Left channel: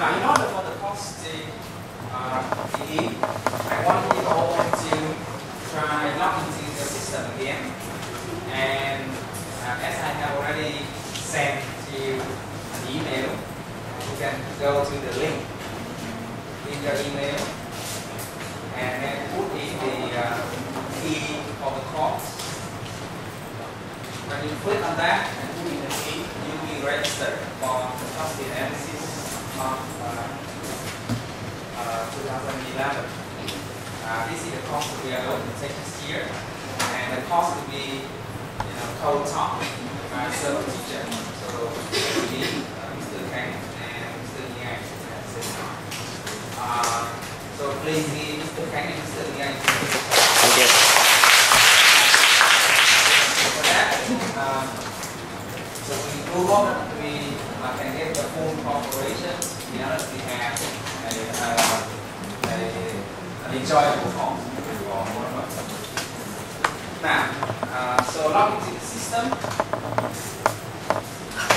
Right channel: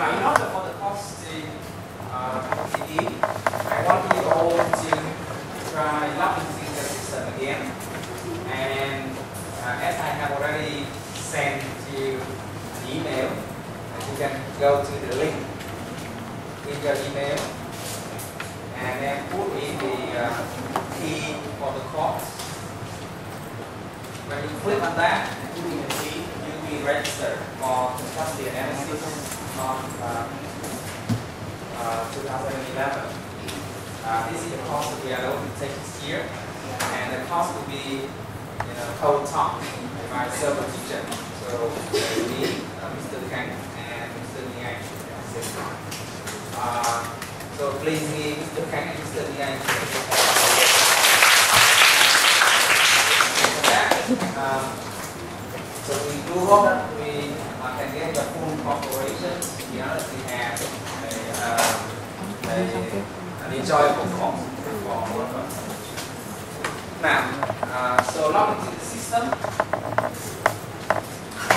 Now, in order for the course to begin, I want you all to try log into the system again. And as I have already sent you an email, you can go to the link in your email and then put in the key for the course. When you click on that and put in the key, you'll be registered for the Contrastive analysis of 2011. This is the course that we are going to take this year, and the course will be, co-taught by several teachers. So me, Mr. Kang, and Mr. Yang. So please give Mr. Kang and Mr. Yang. For that, so we do hope we can get the full cooperation. To be honest, we have an enjoyable course for all of us. Now, so log into the system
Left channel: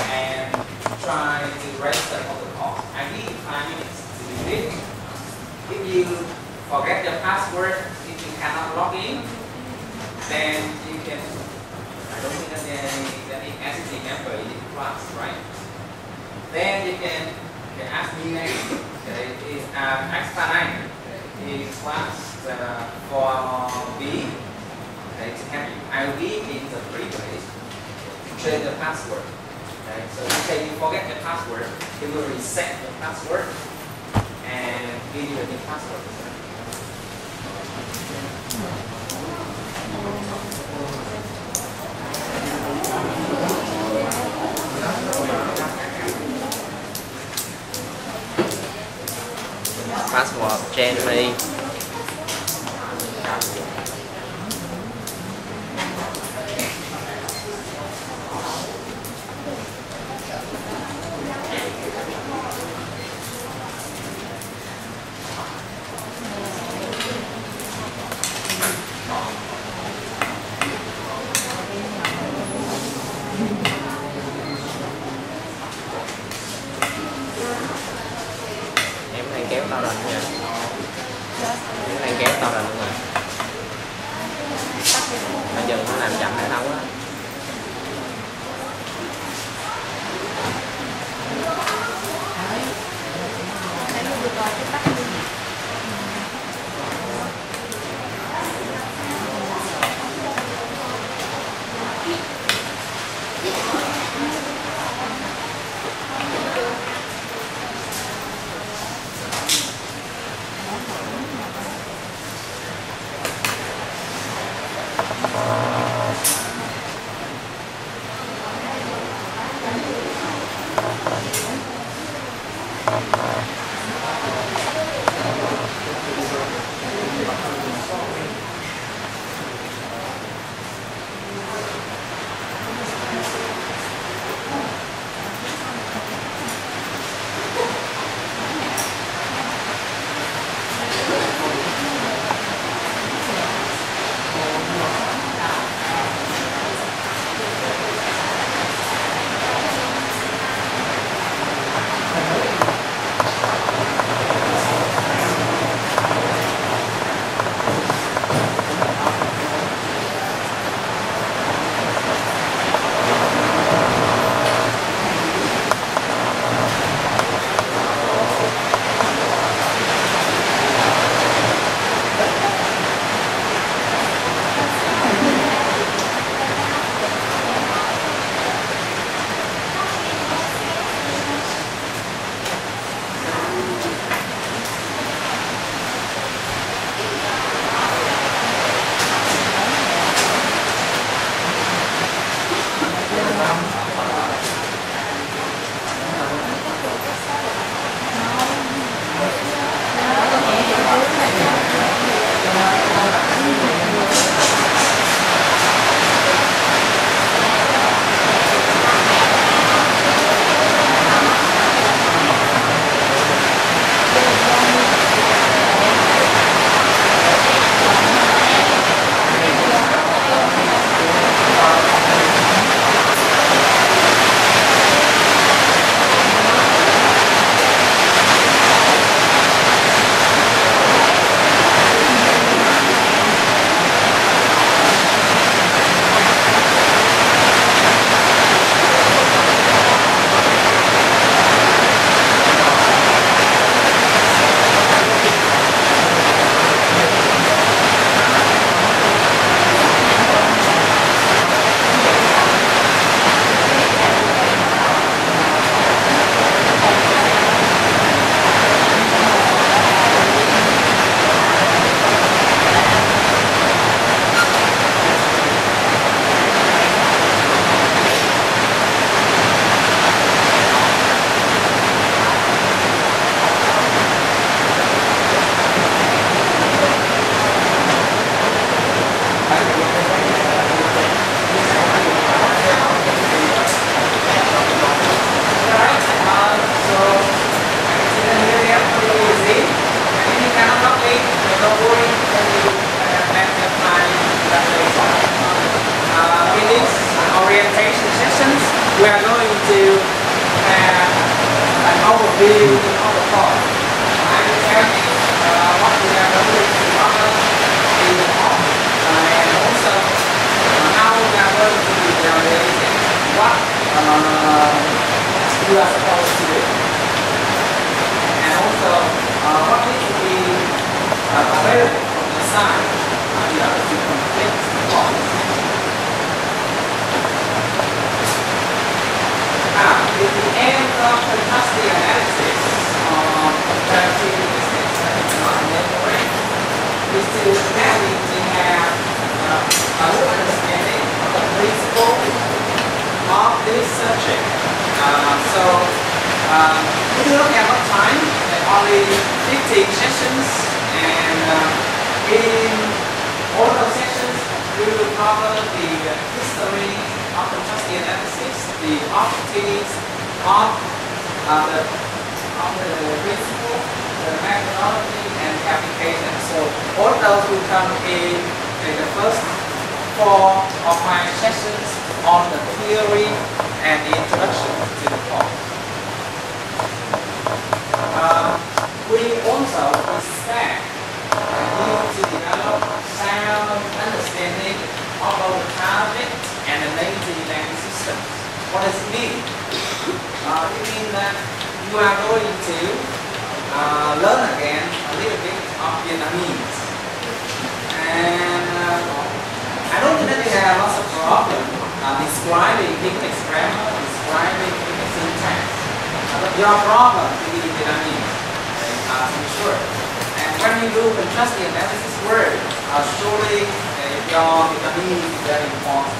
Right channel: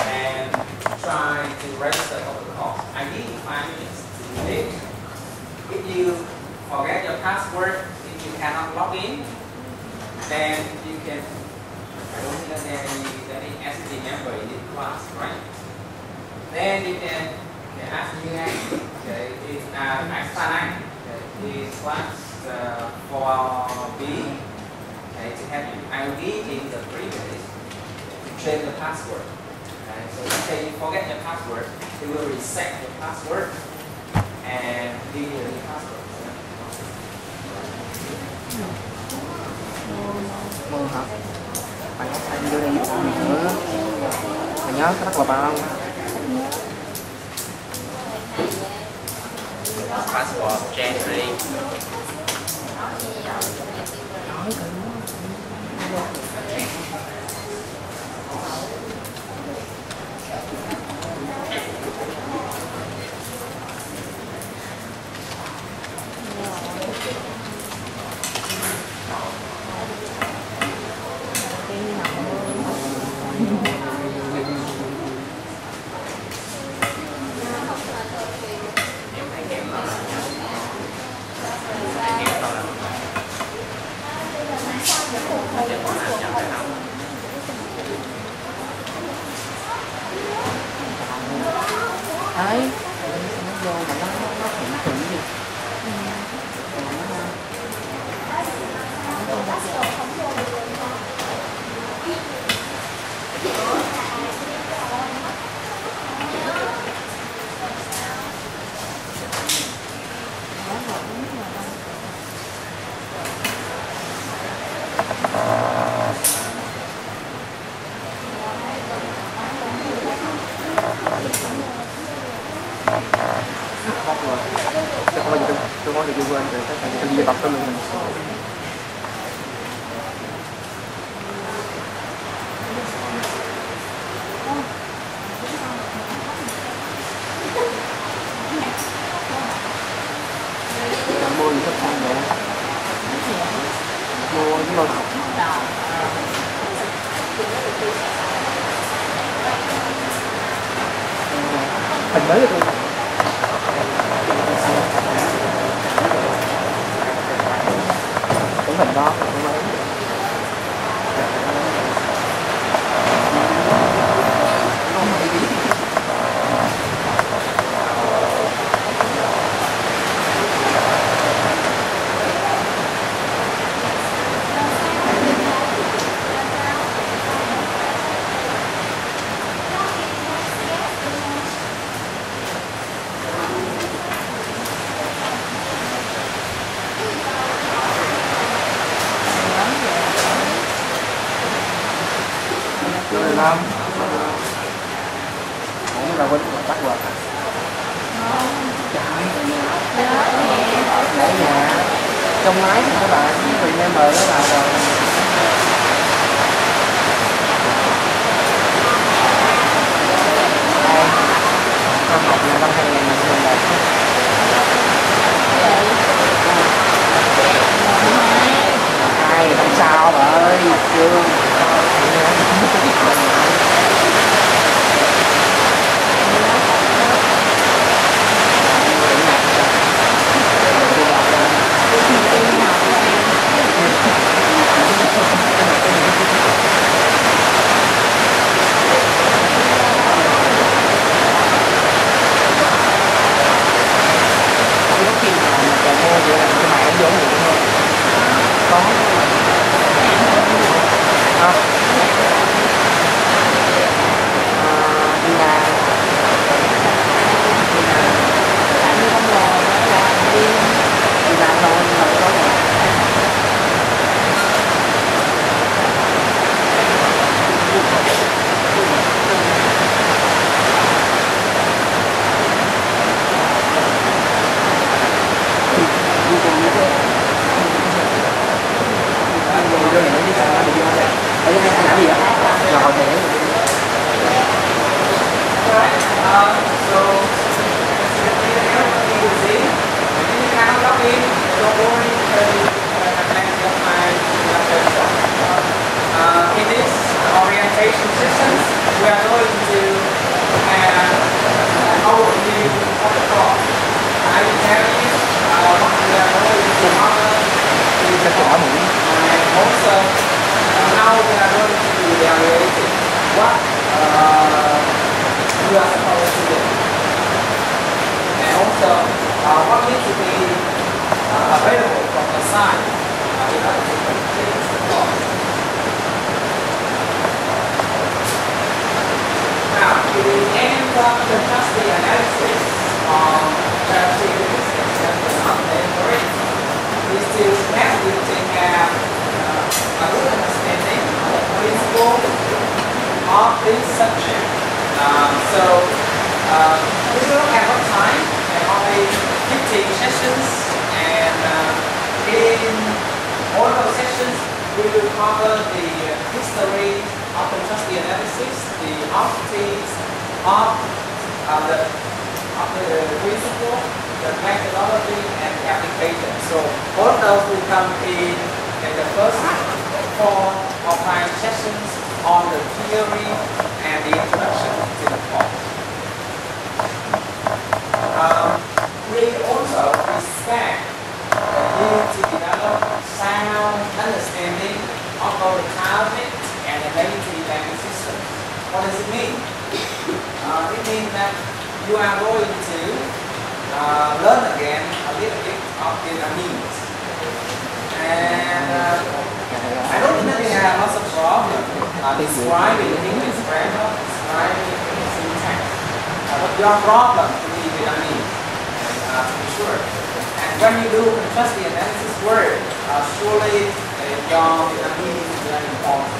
and try to register for the course. I give you 5 minutes to do it. If you forget your password, if you cannot log in, then you can. I don't think that there is any SC member in this class, right? Then you can ask me okay, is X9 is class 4B. Okay, to help you, I will give in the privilege to change the password. Okay, so if you forget your password, it will reset your password and give you a new password. Nhớ rất là bao. Password change. Hình mới luôn. Cũng hình đó. Năm cũng là quên bắt rồi. Trong máy thì các bạn cùng em mời các bạn rồi. Năm học năm hai sao ơi we are going to have an overview of the course. I will tell you what we are going to cover in the course, and also how we are going to be evaluating what you are supposed to do, and also what needs to be available from the side in order to complete the course. Now, in the end of contrastive analysis on comparative statistics and non-memory, we still need to have a good understanding of the principle of this subject. If you look at what time, there are only 15 sessions, and in all those sessions, we will cover the history of contrastive analysis, the objectives of the principle, the methodology, and the application. So all those will come in the first 4 or 5 sessions on the theory and the introduction to the course. We also expect you to develop sound understanding of both the Arabic and the native language system. What does it mean? It means that you are going to learn again a little bit of Vietnamese. And I don't think that we have lots of problems describing English grammar, describing English syntax. But your problem is Vietnamese, to be sure. And when you do contrastive analysis work, surely your Vietnamese is very important.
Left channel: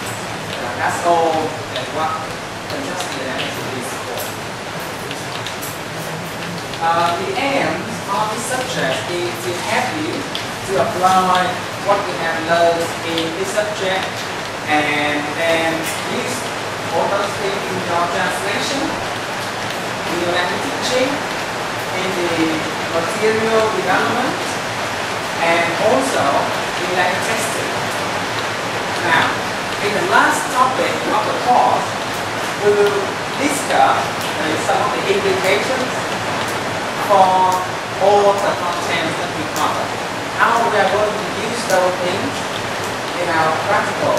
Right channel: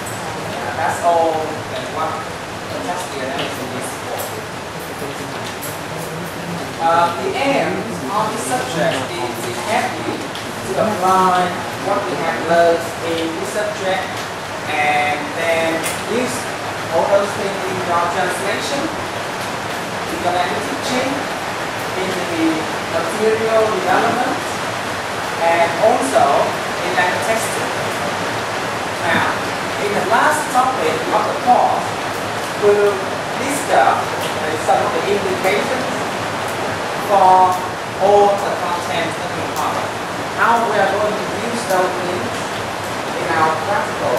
That's all what contrastive analysis is for. The aim of this subject is to help you to apply what we have learned in this subject, and then use all those things in your translation, in your language teaching, in the material development, and also in language testing. Now, in the last topic of the course, we will discuss some of the implications for all the content that we cover. How we are going to use those things in our practical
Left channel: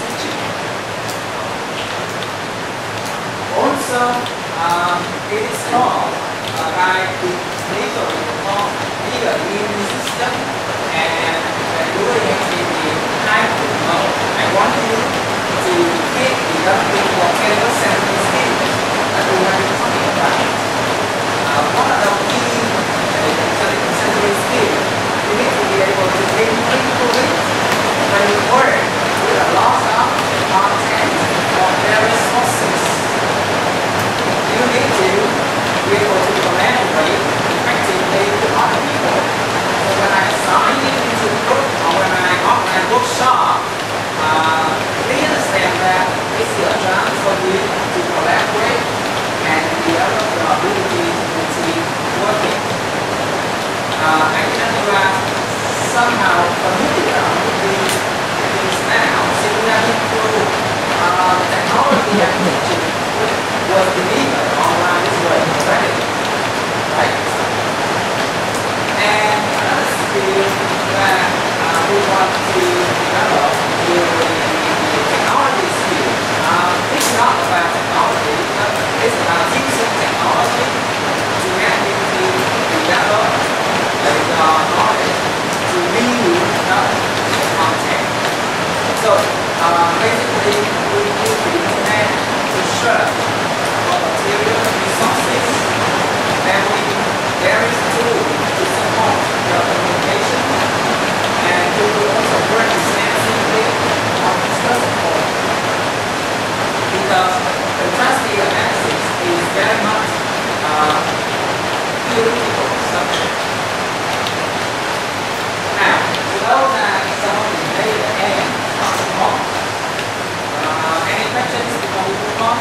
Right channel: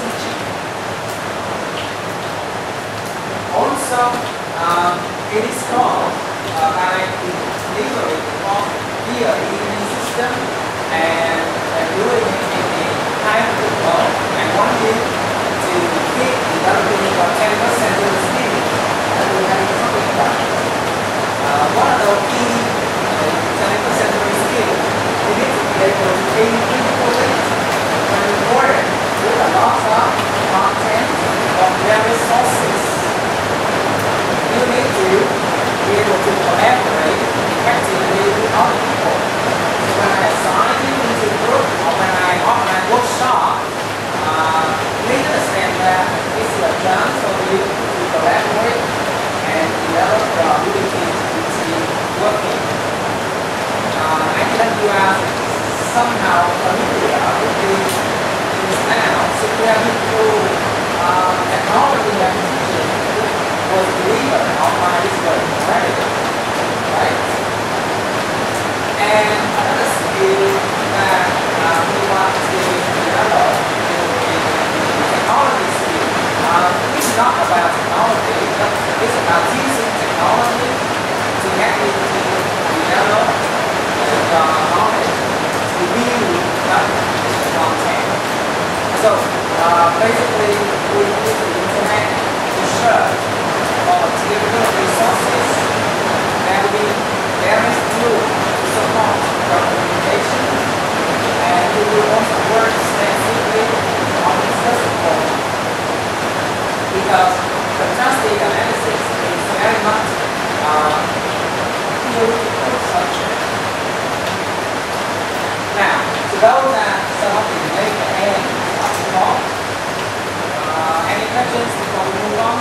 teaching. Also, it is caused by the delivery of the immune system and doing it in the hybrid mode. I want you to get the developing of 10% skills that we have been talking about. One of the key sensory skills, you need to be able to think critically when you work with a lot of content from various sources. You need to be able to collaborate effectively with other people. When I assign you into the group or when I organize workshop, we understand that it's your chance for you to collaborate and develop your ability to team working. I know you are somehow familiar with these things now, since we are through technology and teaching was delivered online this way already, right? And another skill that we want to develop is the technology skill. It's not about technology, it's about using technology to get you to develop the knowledge to build up the content. So basically, we use the internet to search for material resources, and there is tools to support your communication, and we will also work extensively on discussion board, because contrastive analysis is very much theoretical subject. Now, so those are some of the major aims of the course. Any questions before we move on?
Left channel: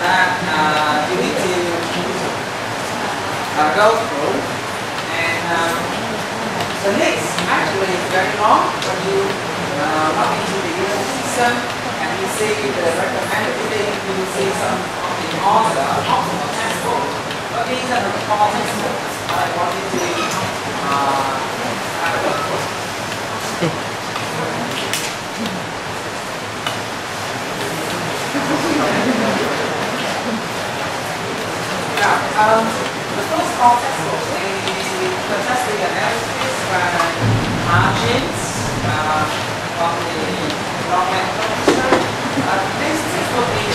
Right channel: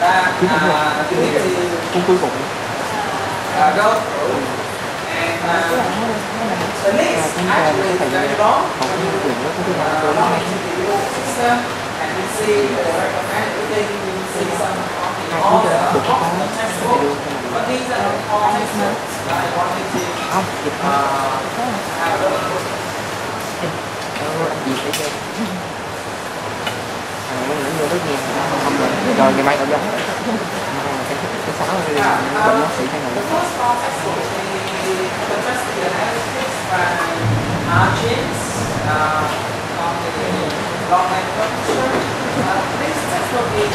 that you need to go through. And the list actually is very long. When you log into the user system and you see the recommended reading, you see some of the order of the textbook. But these are the core textbooks I wanted to have a look through. The first core textbook is Contrastive analysis by margins on the long lecture. This textbook is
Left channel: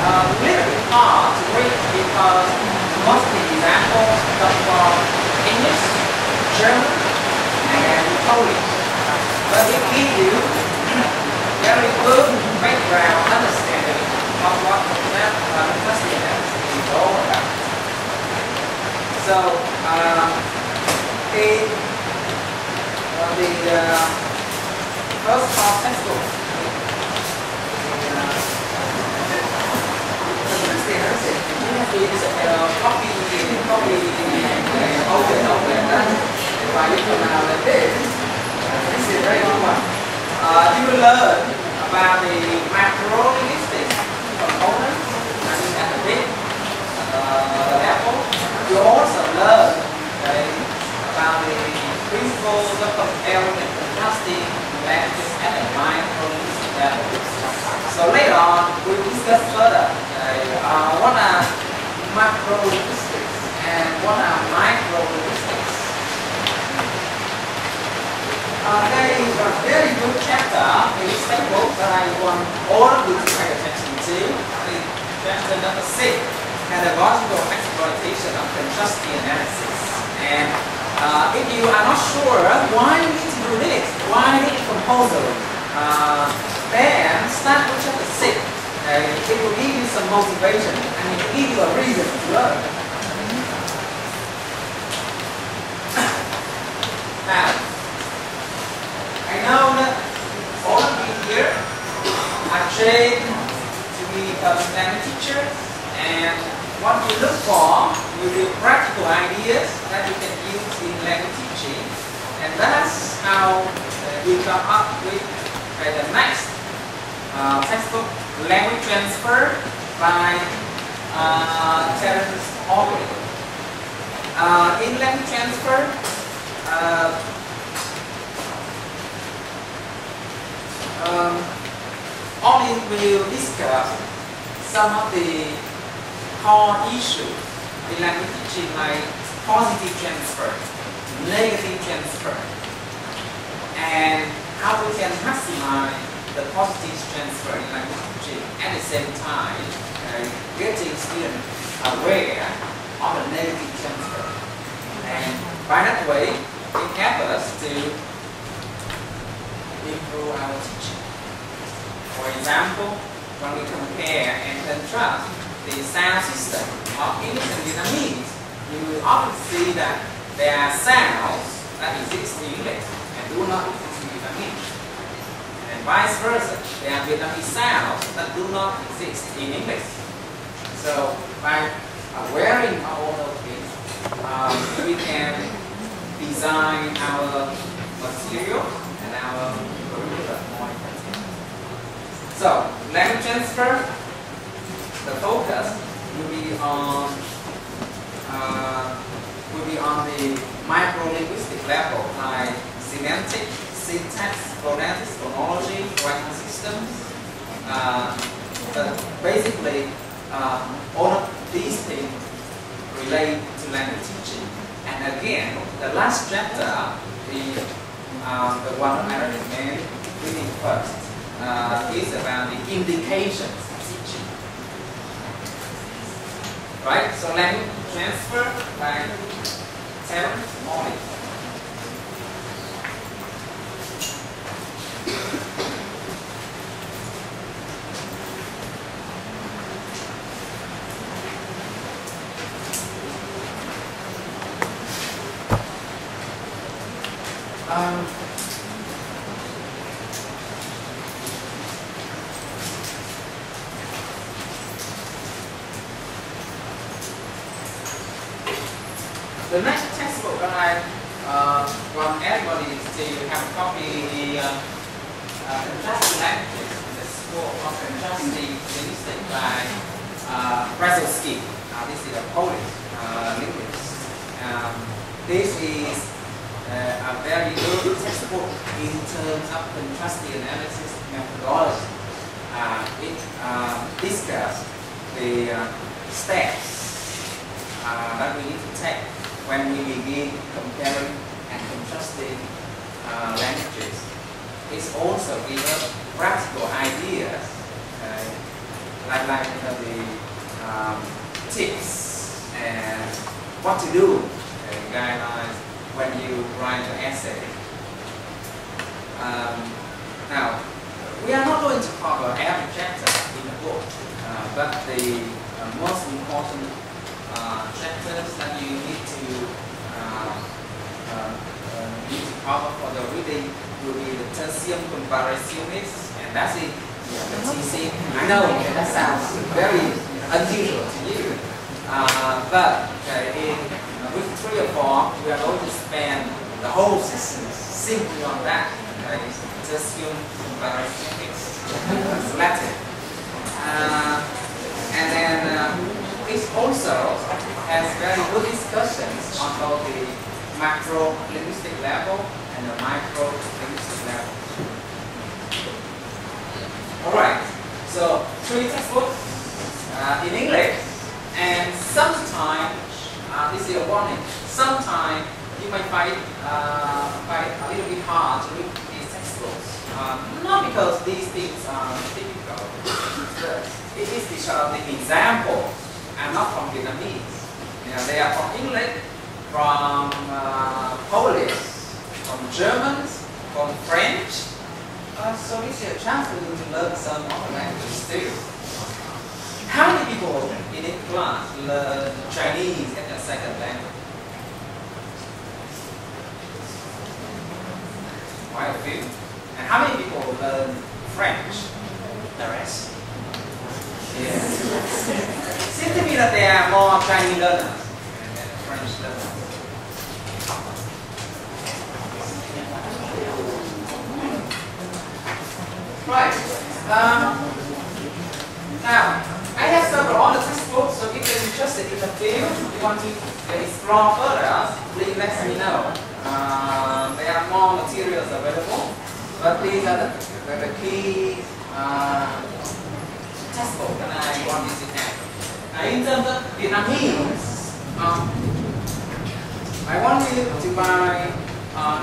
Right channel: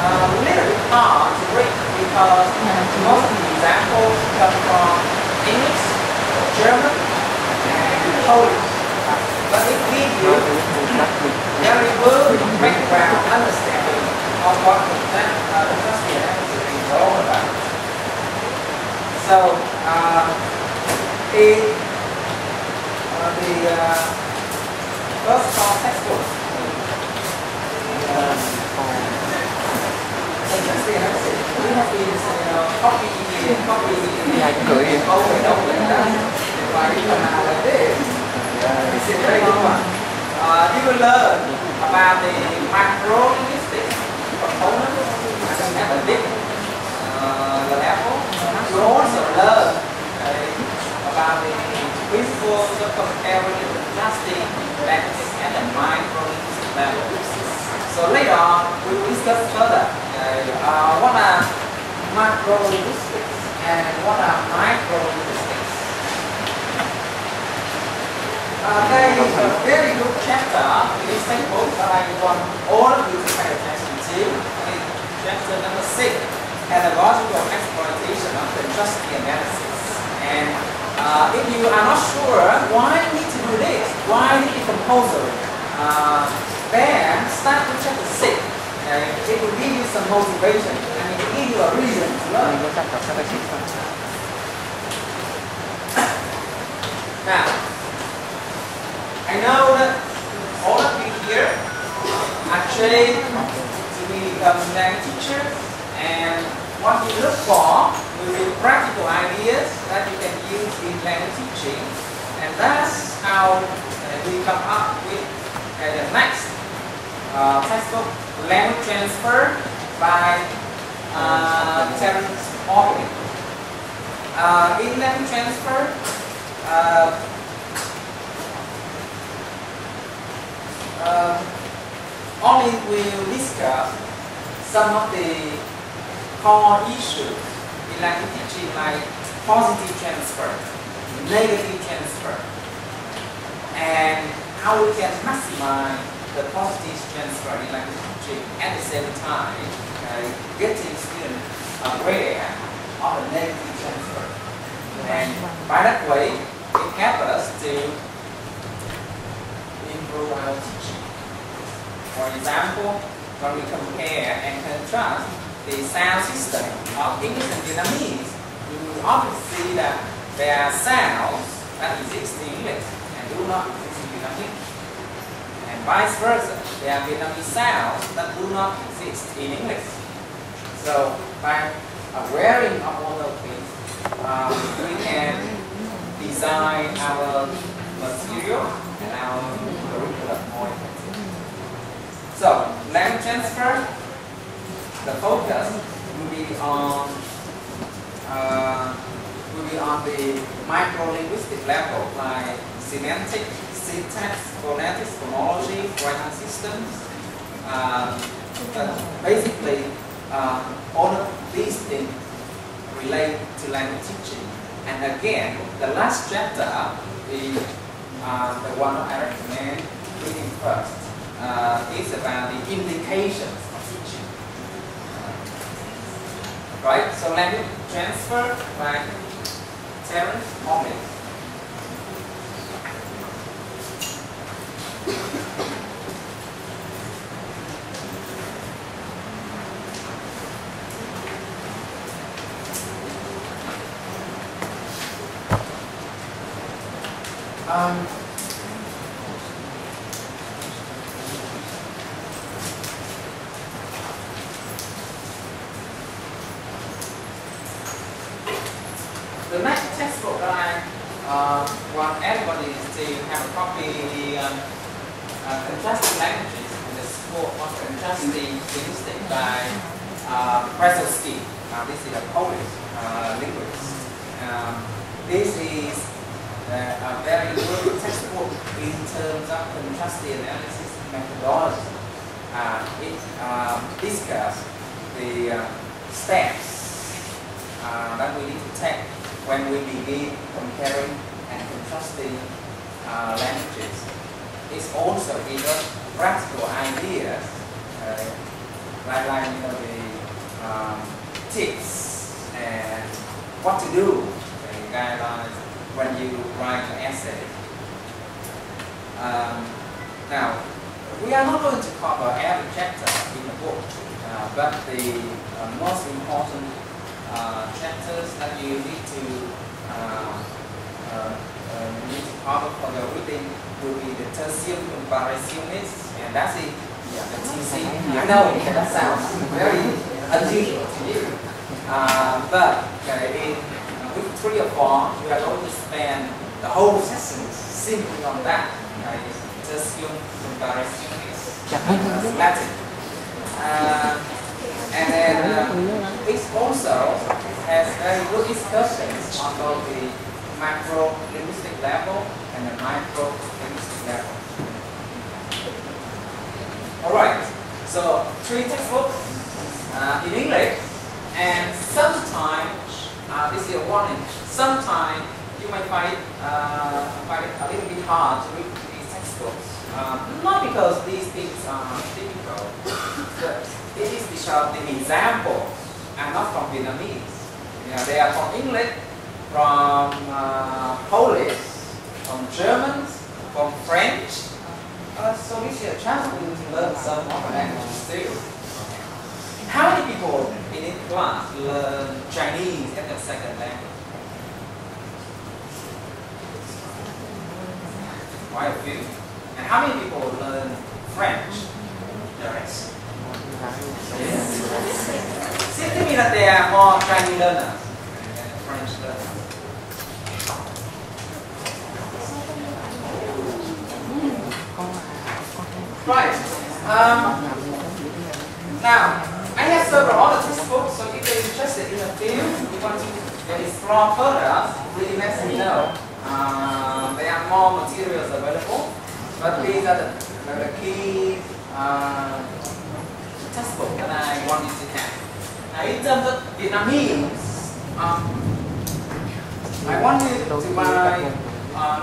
a little bit hard to read because most of the examples come from English, German, and Polish. But it gives you very good background understanding of what contrastive analysis is all about. So, the first core textbook, contrastive analysis, we have to copy over and over again. Và you can now like this. This is very good one. You will learn about the macro-linguistic components at the big level. You also learn about the principles of comparing and contrasting languages at the micro-linguistic level. So later on, we will discuss further what are macro-linguistics and what are micro-linguistics. There is a very good chapter in this textbook that I want all of you to pay attention to. It's chapter number 6, Pedagogical Exploitation of Contrastive Analysis. And if you are not sure why you need to do this, why you need compulsory, then start with chapter 6. It will give you some motivation and it will give you a reason to learn. Now, I know that all of you here are trained to become language teachers, and what you look for will be practical ideas that you can use in language teaching, and that's how we come up with the next textbook, Language Transfer by Terence Organ. In language transfer, only will discuss some of the core issues in language teaching, like positive transfer, negative transfer, and how we can maximize the positive transfer in language teaching at the same time getting students aware of the negative transfer. And by that way, it helps us to improve our teaching. For example, when we compare and contrast the sound system of English and Vietnamese, you will often see that there are sounds that exist in English and do not exist in Vietnamese. And vice versa, there are Vietnamese sounds that do not exist in English. So by awareing of all those things, we can design our material and our curriculum more effectively. So, language transfer, the focus will be on the micro-linguistic level, like semantic, syntax, phonetics, phonology, writing systems. But basically, all of these things relate to language teaching. And again, the last chapter is the one I recommend reading first. Is about the indications of teaching. Right? So language transfer by Terence Organ. The next textbook that I want everybody to have a copy, Contrastive Languages in the School of Contrastive Linguistics by Contrastive. This is a Polish linguist. This is a very good textbook in terms of contrastive analysis methodology. It discusses the steps that we need to take when we begin comparing and contrasting languages. It's also gives us practical ideas, like the tips and what to do, guidelines when you write an essay. Now, we are not going to cover every chapter in the book, but the most important chapters that you need to cover for the reading will be the tertium comparationis, and that's it. Yeah, the TC. I know that sounds very unusual to you, but with 3 or 4, we are going to spend the whole session simply on that. Tertium comparationis, Latin. And then it also has very good discussions on both the macro linguistic level and the micro linguistic level. Alright, so 3 textbooks in English, and sometimes, this is a warning, sometimes you might find it a little bit hard to read these textbooks. Not because these things are difficult, but it is because the examples are not from Vietnamese. They are from English, from Polish, from German, from French. So this is a chance for you to learn some other languages too. How many people in this class learn Chinese as a second language? Quite a few. And how many people learn French? The rest. Yes. Seems to me that there are more Chinese learners than French learners. Right. Now, I have several other textbooks, so if you're interested in the field, you want to explore further, please let me know. There are more materials available, but these are the key textbook that I want you to have. In terms of Vietnamese, I want you to buy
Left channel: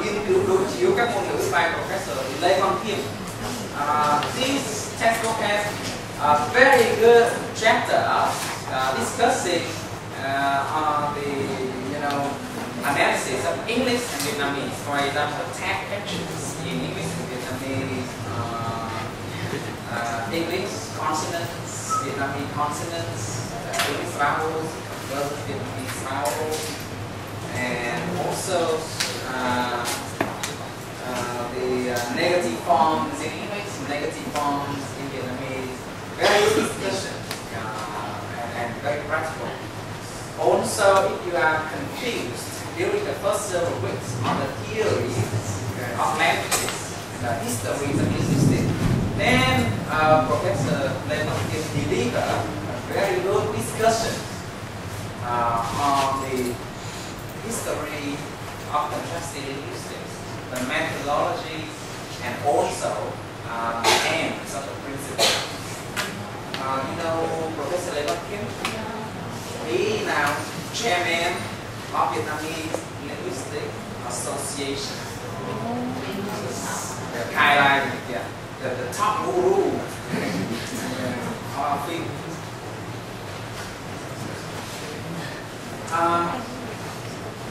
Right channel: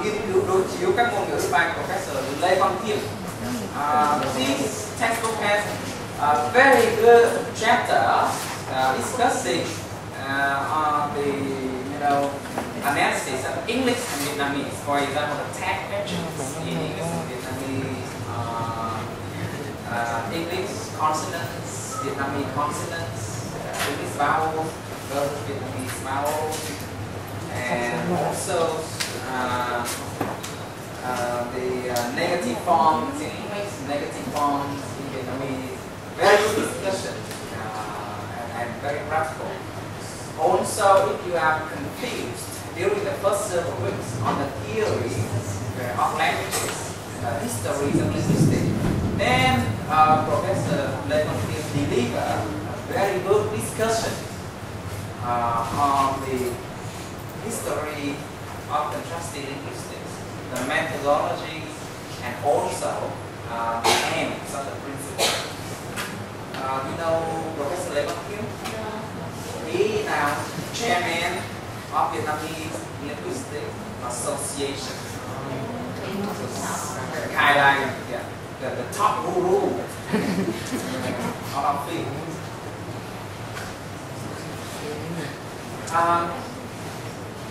nghiên cứu đối chiếu các ngôn ngữ by Professor Lê Văn Thiêm. This textbook has a very good chapter discussing on the analysis of English and Vietnamese. For example, the tag actions in English and Vietnamese, English consonants, Vietnamese consonants, English vowels versus Vietnamese vowels, and also the negative forms in English, negative forms in Vietnamese. Very good discussion and very practical. Also, if you are confused during the first several weeks on the theory of languages, the history of linguistics, then Professor Lê Văn Thiêm delivered a very good discussion on the history of contrastive linguistics, the methodology, and also the aims of the principle. You know Professor Lê Văn Thiêm? He is now chairman of Vietnamese Linguistic Association. Kind of the top guru of our field.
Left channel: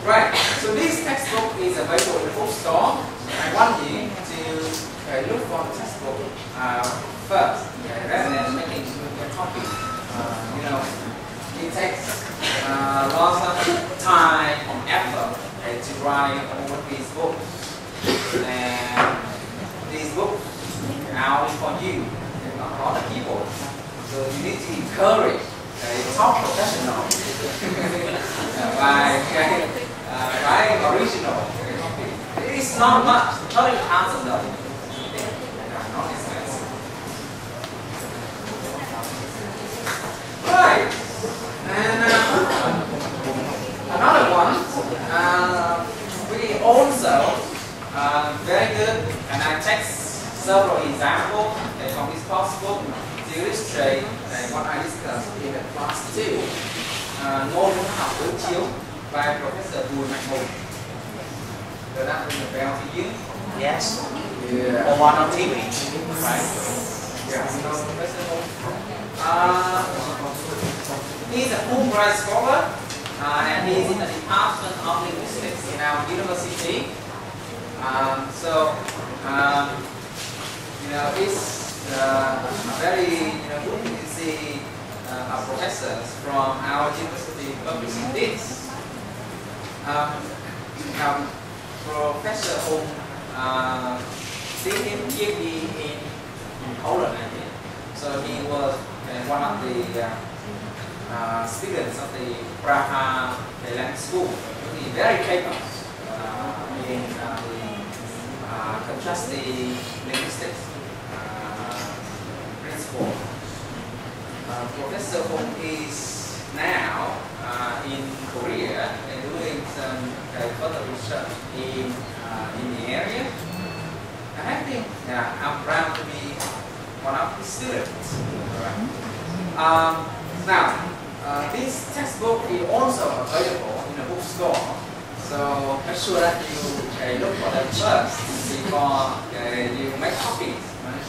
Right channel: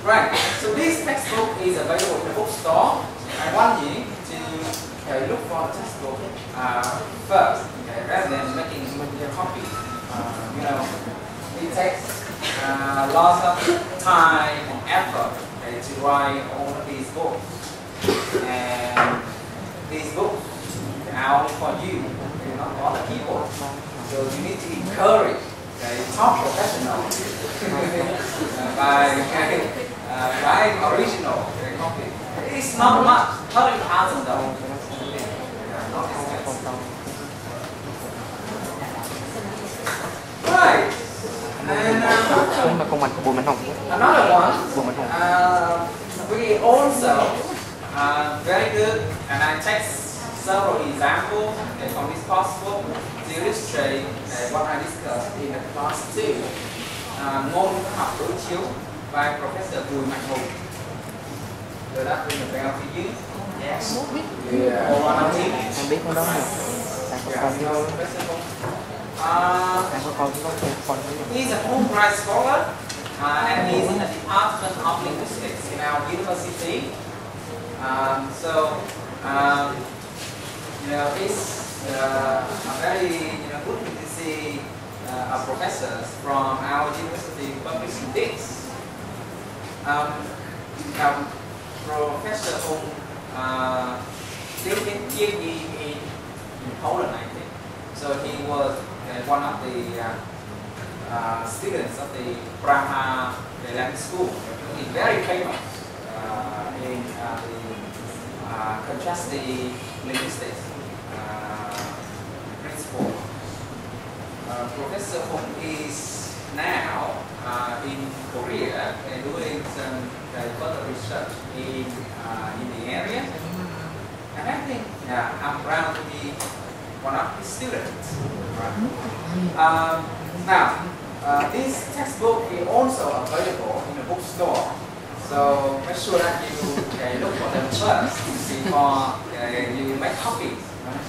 Right, so this textbook is available in the bookstore. I want you to look for the textbook first, rather than making your copy. It takes lots of time and effort to write all of these books. And these books are only for you, not for other people. So you need to encourage top professionals by Right, original copy. It's not much, 30,000 though. Not expensive. Right, and another one. We also very good, and I take several examples from this possible to illustrate what I discussed in the class 2. Ngôn học đối chiếu by Professor Bùi Mạnh Hùng. Does that ring a bell to you? Yes. Yeah. Or one of them? He's a Fulbright scholar, and he's in the Department of Linguistics in our university. It's a very good thing to see our professors from our university publishing this. Professor Hùng did PhD in Poland, I think. So he was one of the students of the Praha language school. He's very famous in the contrastive linguistics principle. Professor Hùng is now in Korea and doing some further research in the area. And I think I'm proud to be one of his students. Now, this textbook is also available in the bookstore. So make sure that you look for them first before you make copies. Right?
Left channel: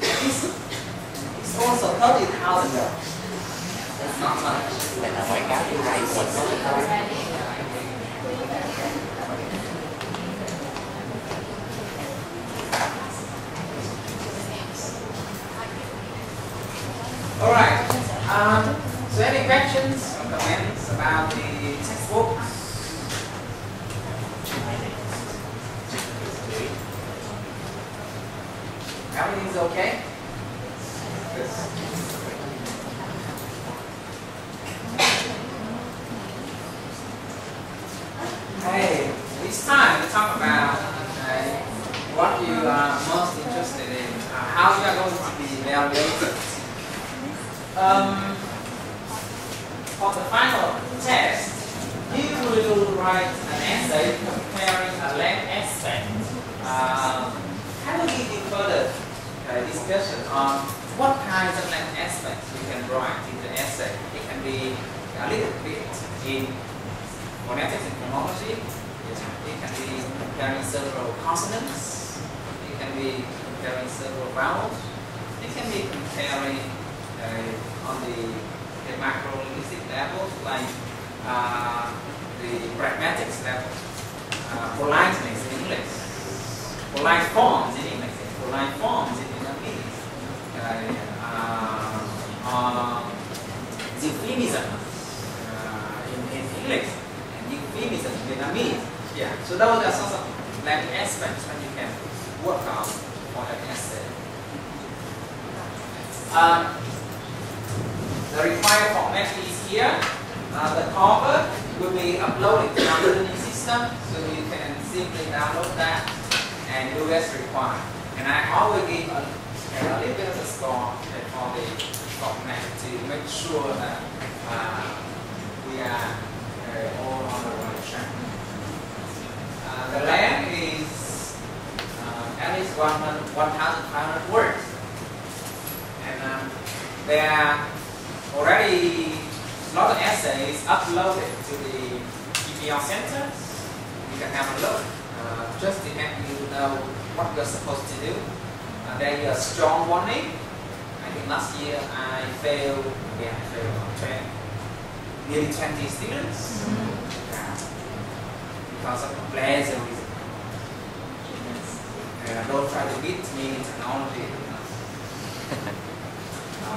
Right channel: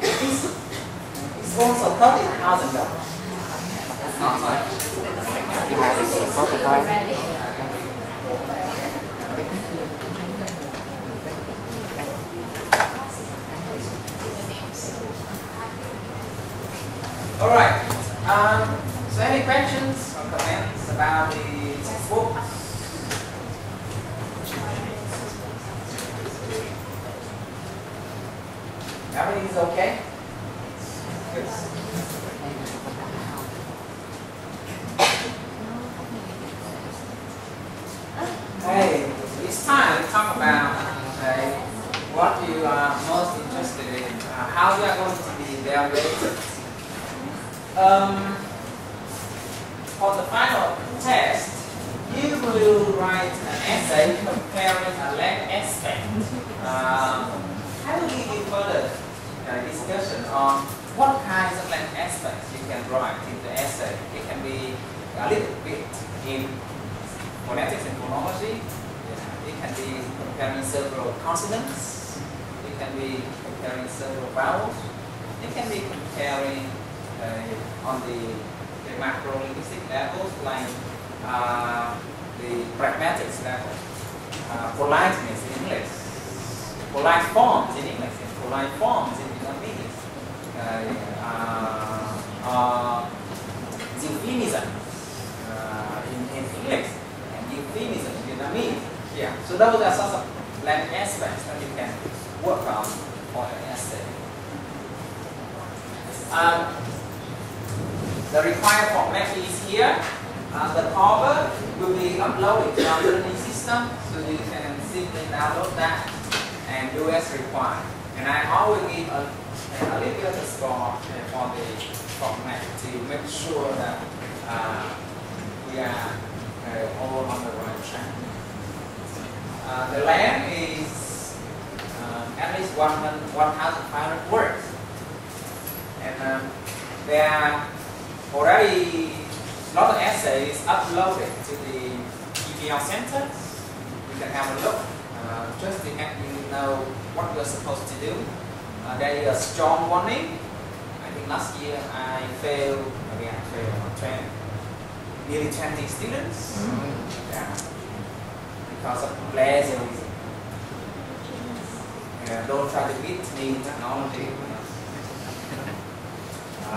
It's also 30,000 dollars. It's not much. All right. So any questions or comments about the textbook? Everything is okay? Good. Hey, it's time to talk about what you are most interested in, how you are going to be evaluated. For the final test, you will write an essay comparing a land aspect. I will give you further discussion on what kinds of land aspects you can write in the essay. It can be a little bit in phonetics and phonology. It can be comparing several consonants. It can be comparing several vowels. It can be comparing on the macro-linguistic levels, like the pragmatics level, politeness in English, polite forms in English, polite forms in Vietnamese, euphemism in English, and euphemism in Vietnamese. Yeah, so those are sorts of language aspects that you can work on for an essay. The required format is here. The cover will be uploaded to our learning system, so you can simply download that and do as required. And I always give a little bit of a score for the format to make sure that we are all on the right track. The length is at least 1,500 words. And there are already a lot of essays uploaded to the PBL Center. You can have a look just to help you know what you're supposed to do. There is a strong warning. I think last year I failed nearly 20 students because of plagiarism. Don't try to beat me in technology.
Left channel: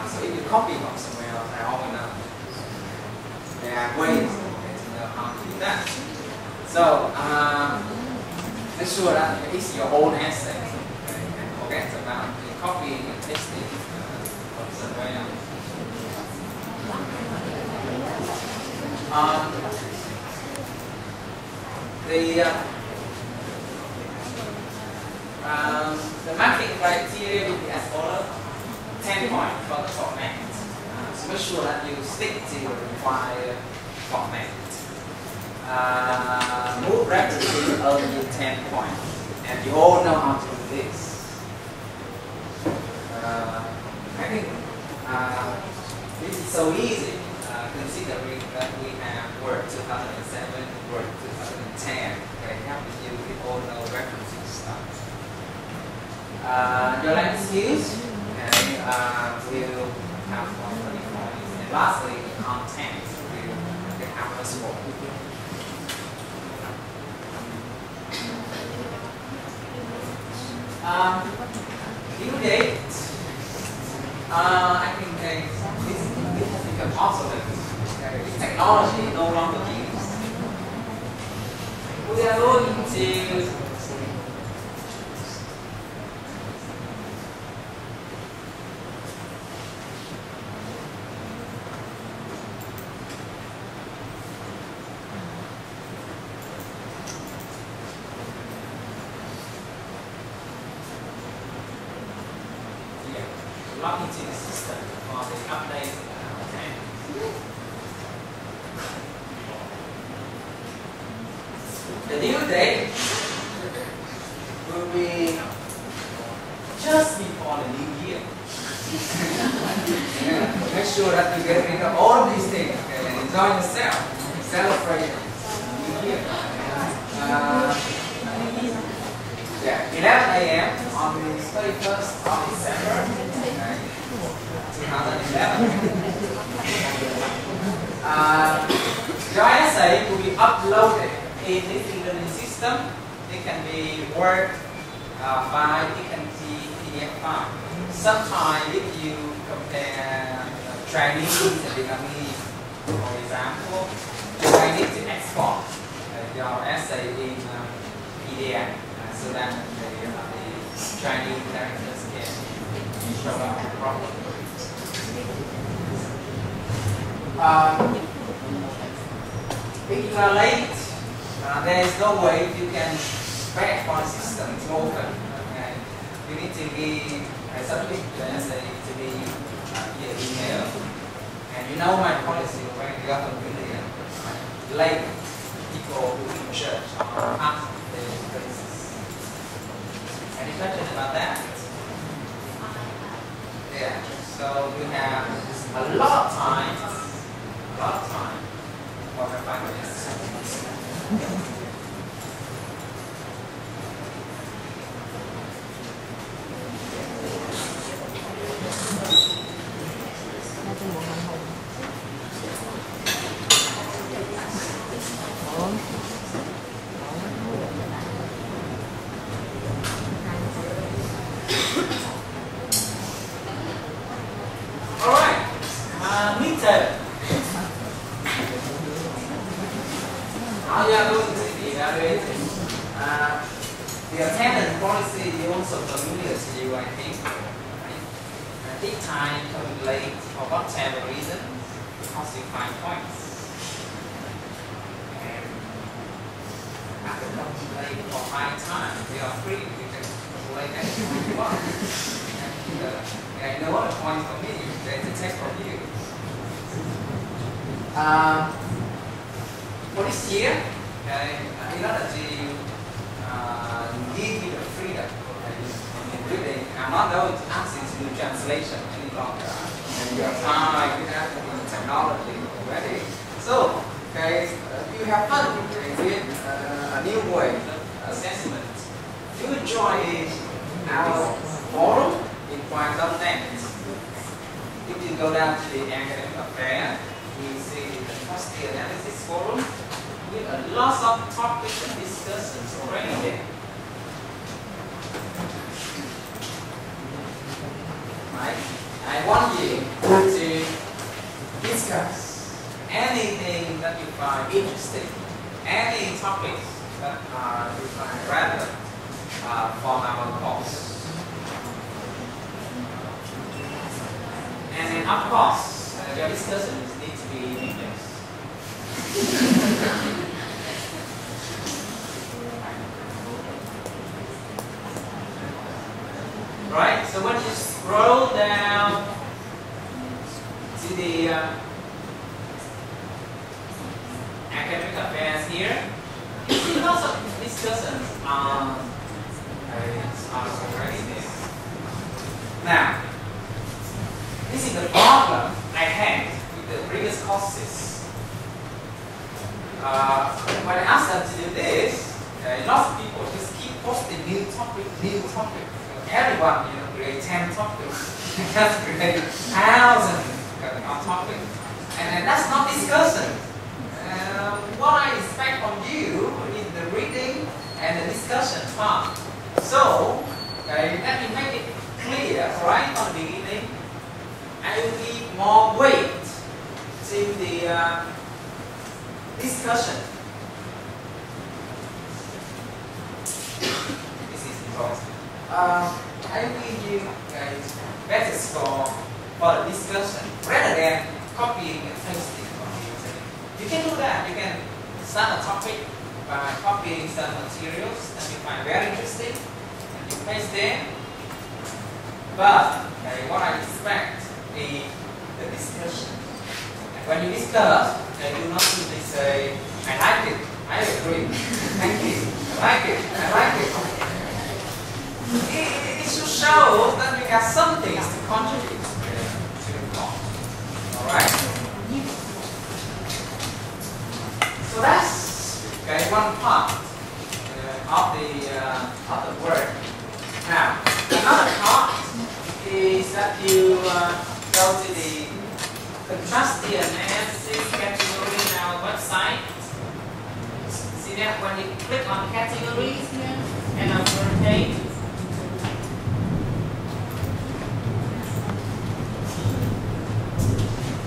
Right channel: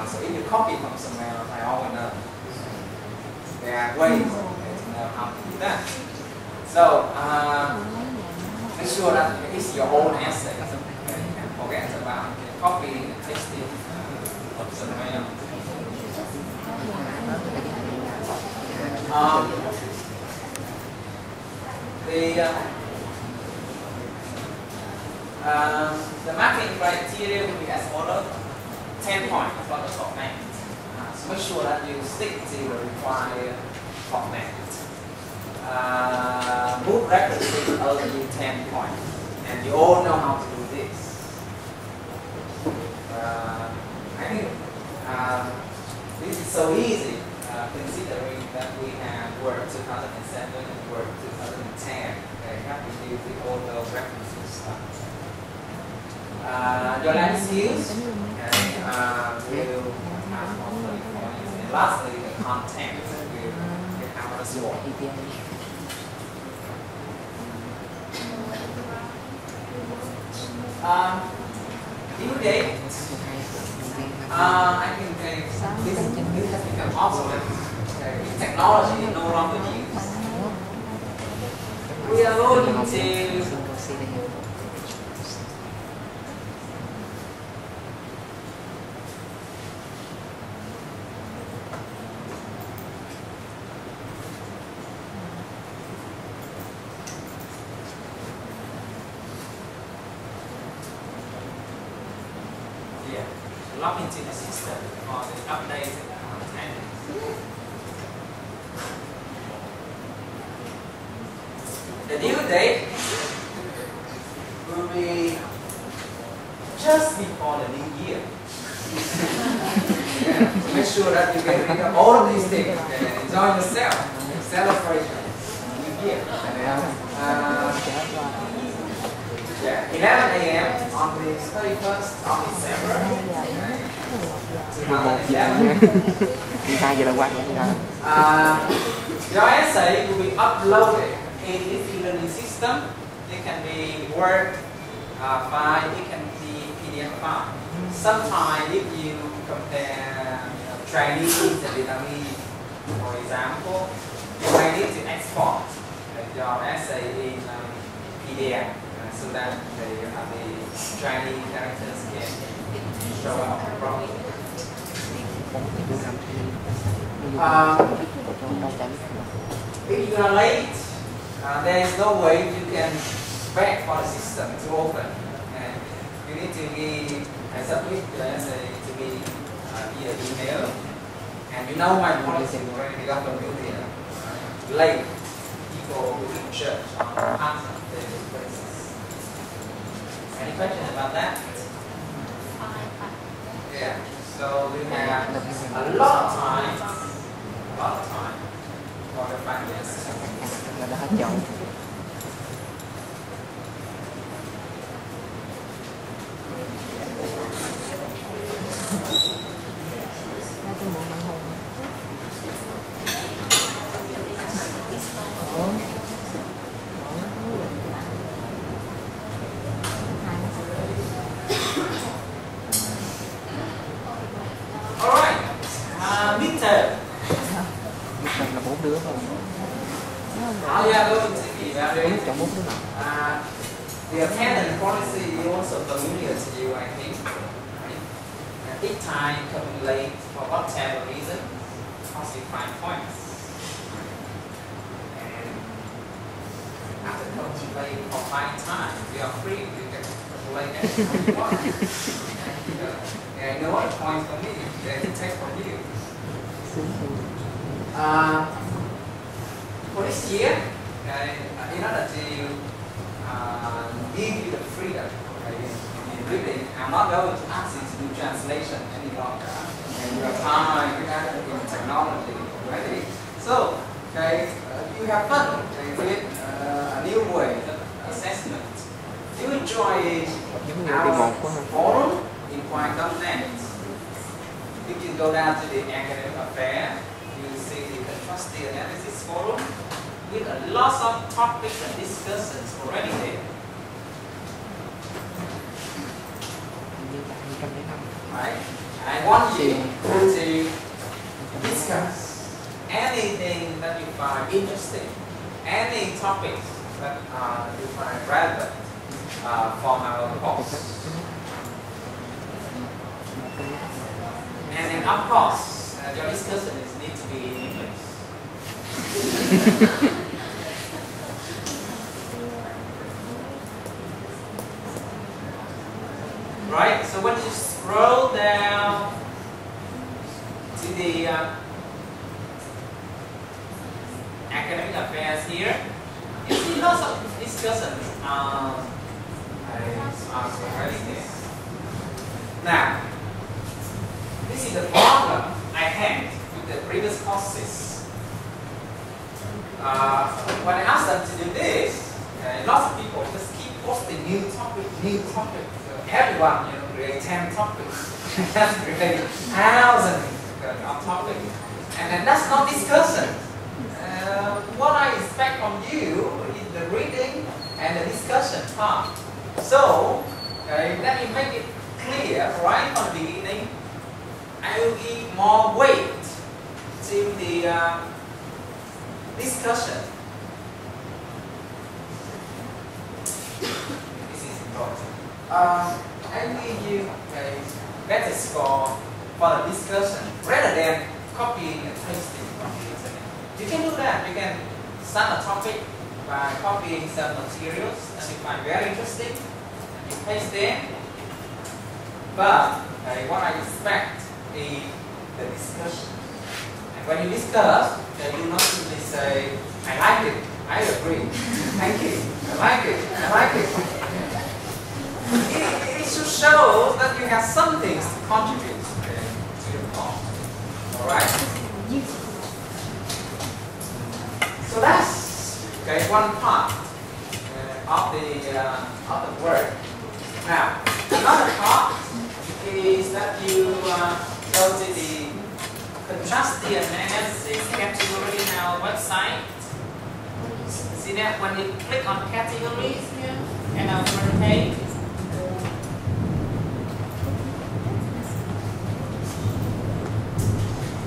So if you copy from somewhere else, I always know there are ways to know how to do that. So make sure that it's your own essay, and forget about copying and pasting from somewhere else. The marking criteria will be as follows: 10 points for the format. So make sure that you stick to the required format. Move references only 10 points, and you all know how to do this. I think this is so easy, considering that we have Word 2007, Word 2010. Okay, you have to use the all those references stuff. Your language skills, and will have 30 points. And lastly, the content will have a score. Due date. I think this has become obsolete. Technology no longer used. We are going to log into the system for the update time. The due date will be just before the new year. Make sure that you get rid of all of these things and enjoy yourself. Celebration, new year. 11 a.m. on the 31st of December 2011. Your essay will be uploaded in the e-learning system. It can be Word file, it can be PDF file. Sometimes if you compare Chinese and Vietnamese, for example, you might need to export your essay in PDF. So that the Chinese characters can show up properly. If you are late, there is no way you can beg for the system to open. Okay? You need to be submit your essay to be via email. And you know my policy already got familiar. Late people who in church are part of the places. Any questions about that? Yeah. So you have a lot of time for the practice. The attendance policy is also familiar to you, I think. Right? At this time, coming late for whatever reason, costs you 5 points. And after coming late for 5 times, you are free. You can come late any time you want. And no other points for me. They can take from you. For this year, in order to give you the freedom, really, I'm not going to ask you to do translation any longer. You have time, you have technology already. So, you have fun with a new way of assessment. You enjoy our forum in Quang.net. If you go down to the academic affair, you see the Contrastive analysis forum with a lot of topics and discussions already there. Right? I want you to discuss anything that you find interesting, any topics that you find relevant for our course. And then, of course, your discussions need to be in English. Right? So when you scroll down to the academic affairs here, you see lots of discussions are already there. Now, this is the problem I had with the previous courses. When I asked them to do this, lots of people just keep posting new topic. Everyone, create 10 topics, just create 1,000 topics, and that's not discussion. What I expect from you is the reading and the discussion part. So, let me make it clear right from the beginning. I will give more weight to the discussion. This is important. I will give you guys better score for the discussion rather than copying and pasting from the internet. You can do that. You can start a topic by copying some materials that you find very interesting and you paste them. But what I expect is the discussion. And when you discuss, you not simply say, I like it, I agree, thank you, I like it, I like it. It should show that you have some things to contribute to the talk. Alright? So that's one part of the work. Now, another part is that you go to the Contrastive analysis category in our website. See that when you click on categories here and our front page,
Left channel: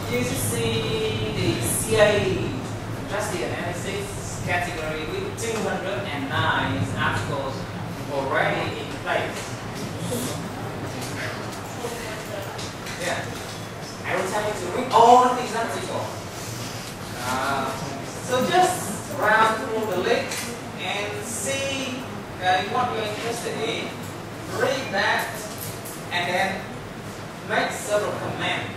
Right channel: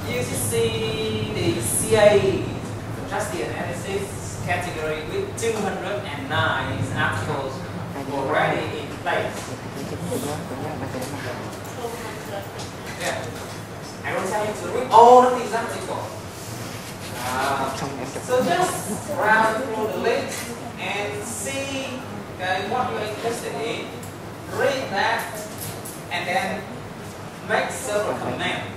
you just see the CA Contrastive analysis category with 209 articles already in place. Yeah. I don't tell you to read all of these articles. So just browse through the links and see what you're interested in, read that, and then make several comments.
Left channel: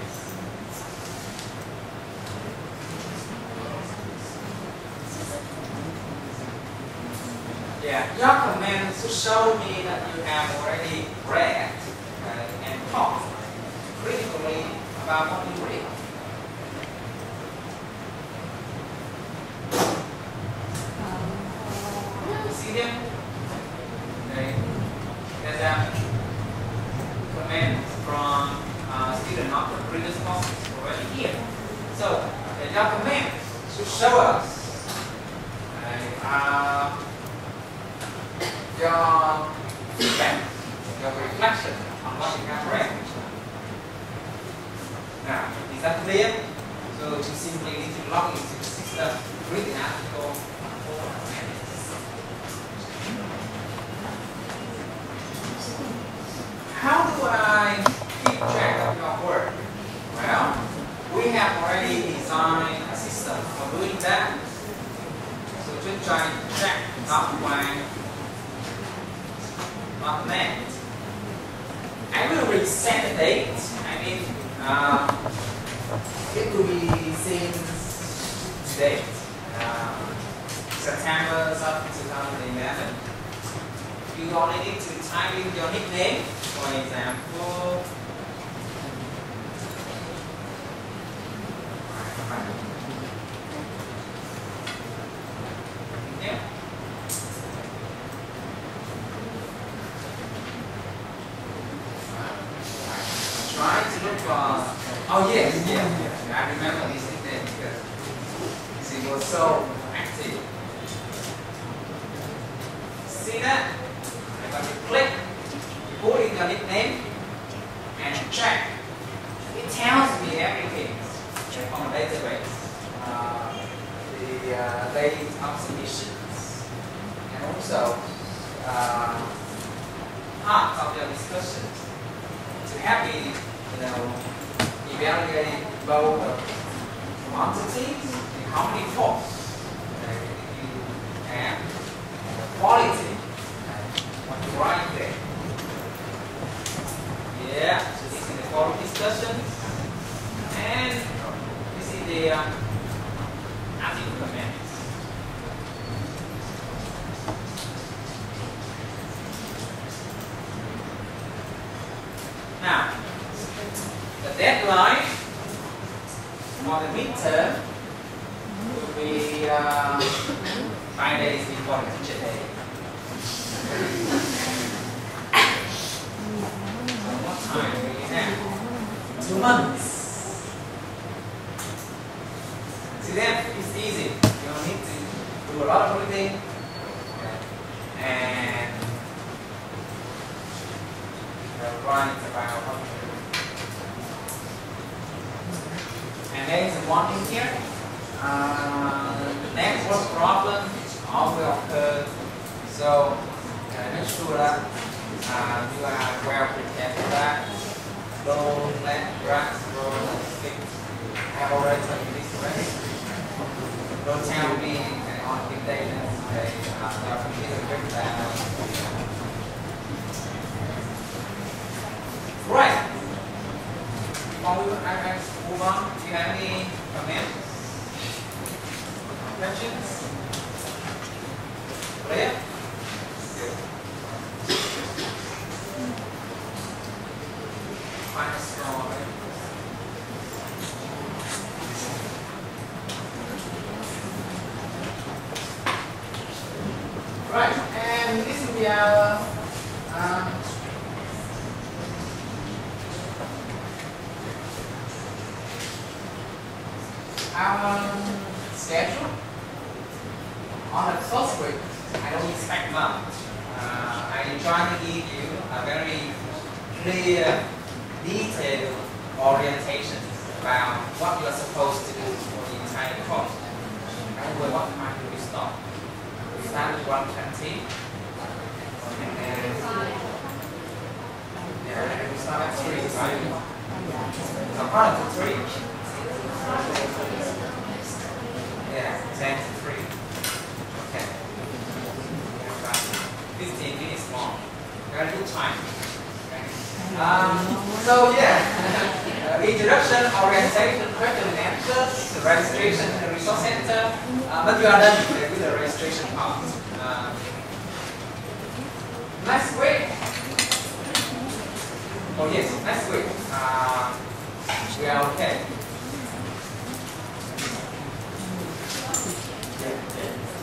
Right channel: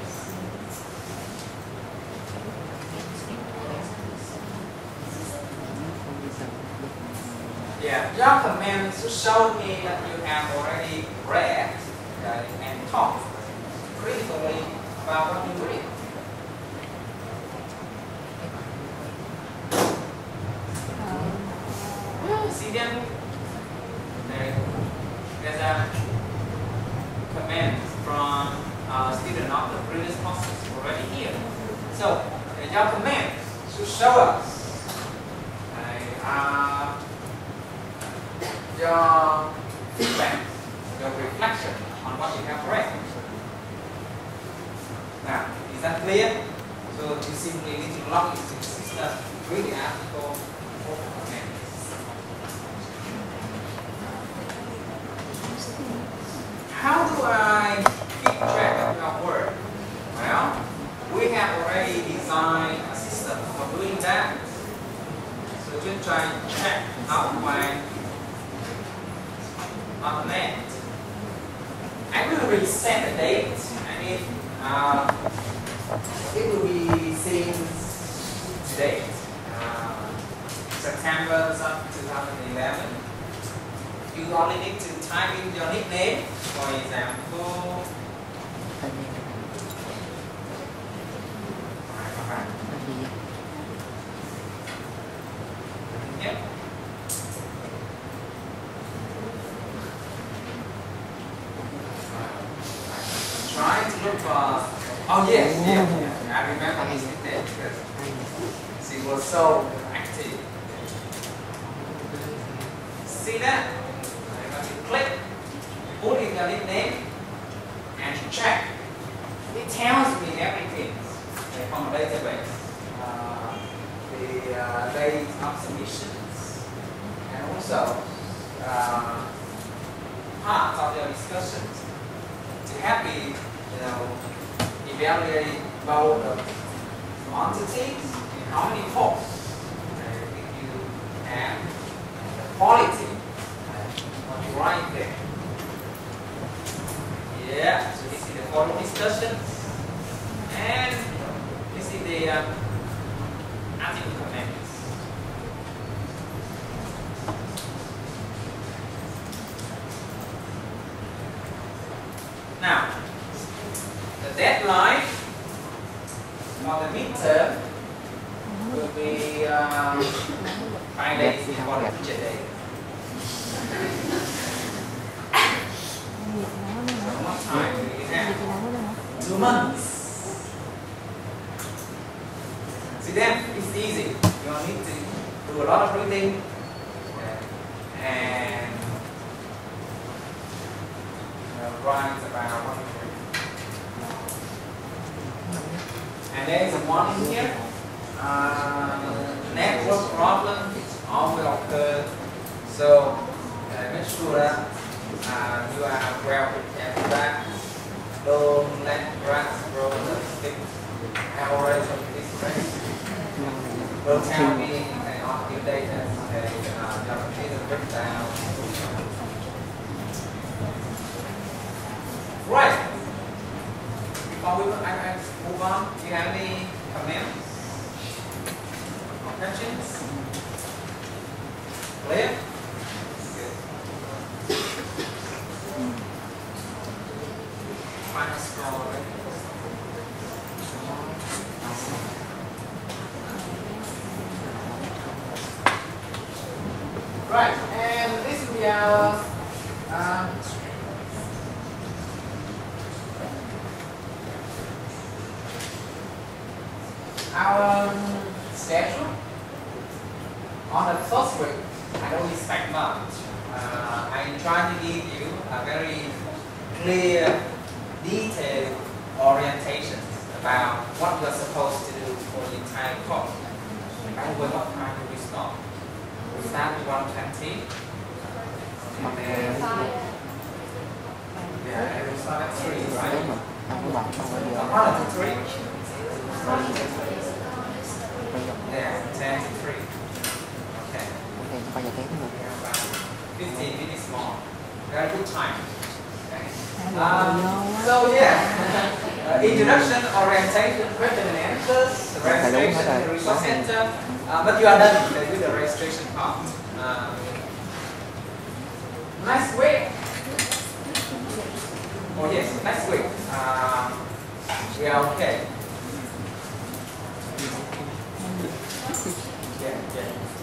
Yeah, your comments should show me that you have already read and thought critically about what you read. See them? There's a comment from student of the previous courses already here. So your comment should show us your feedback, your reflection on what you have read. Now, is that clear? So you simply need to log into the system, read the article for comments. How do I keep track of your work? Well, we have already designed a system for doing that. So just try to check out when not met. I will reset the date. It will be since today, September of 2011. You only need to type in your nickname, for example. Yeah. Try to look for. Oh yes, yeah. I remember his nickname because he was so active. See that? When you click, you put in your nickname and check. It tells me everything from the database. The date of submissions and also part of your discussions to help me, evaluate both the quantities and how many posts you have, the quality, what you write there. the article comments. Now, the deadline for the midterm will be 5 days before the teacher day. So what time do you have? 2 months. See, then it's easy. You don't need to do a lot of reading, and write about what you do. And there is a warning here. Network problem often occur, so make sure that you are well prepared for that. Don't let grass grow thick. I have already told you this already. Don't tell me on your data your computer breakdown. Right. Before we move on, do you have any comments? Questions? Clear? Good. Final score, right? Right, and this will be our schedule. On the first week, I don't expect much. I'm trying to give you a very clear, detailed orientation about what you're supposed to do for the entire course. And with what time do we start? We start with 1:20, and then we start at 3, right? So part of the 3. Yeah, 10 to 3. Okay. We have about 15 minutes more. Very good time. Okay. So yeah, introduction, orientation, question and answers, the registration, the resource center. But you are done with the registration part. Next week. Oh yes, next week. We are okay.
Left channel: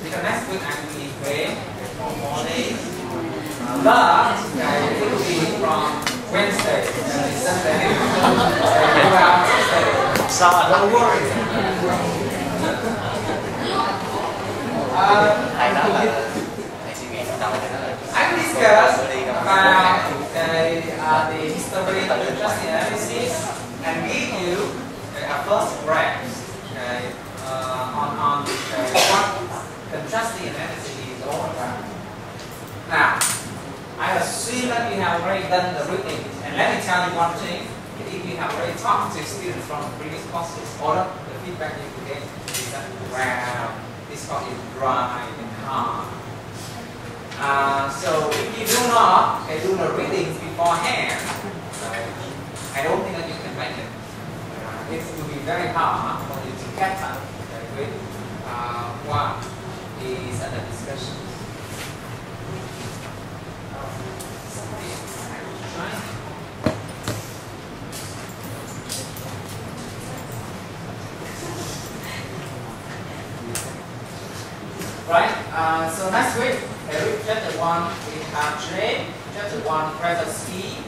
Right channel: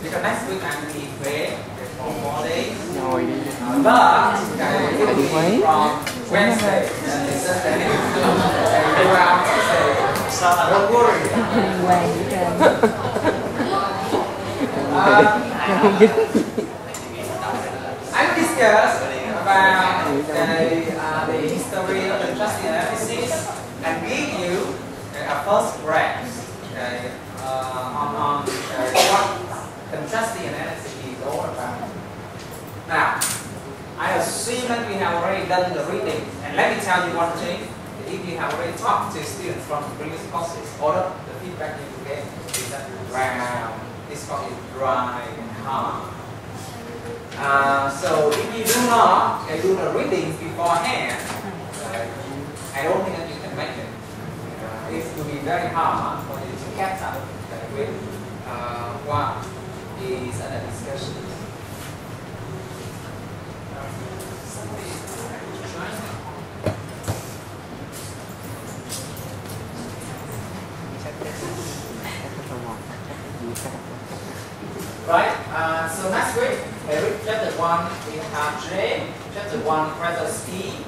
Because next week I will be away for 4 days. But I will be from Wednesday and Sunday. I will out Thursday. So don't worry. I will discuss about the history of the contrastive analysis and give you a first grasp on what contrastive analysis is all about. Now, I assume that you have already done the reading, and let me tell you one thing: if you have already talked to students from previous courses, all of the feedback you will get is that, wow, this course is dry and hard. So if you do not do the readings beforehand, I don't think that you can make it. It will be very hard for you to catch up with what is under discussion. Right, so next week, chapter 1 we have J, chapter 1 presence E,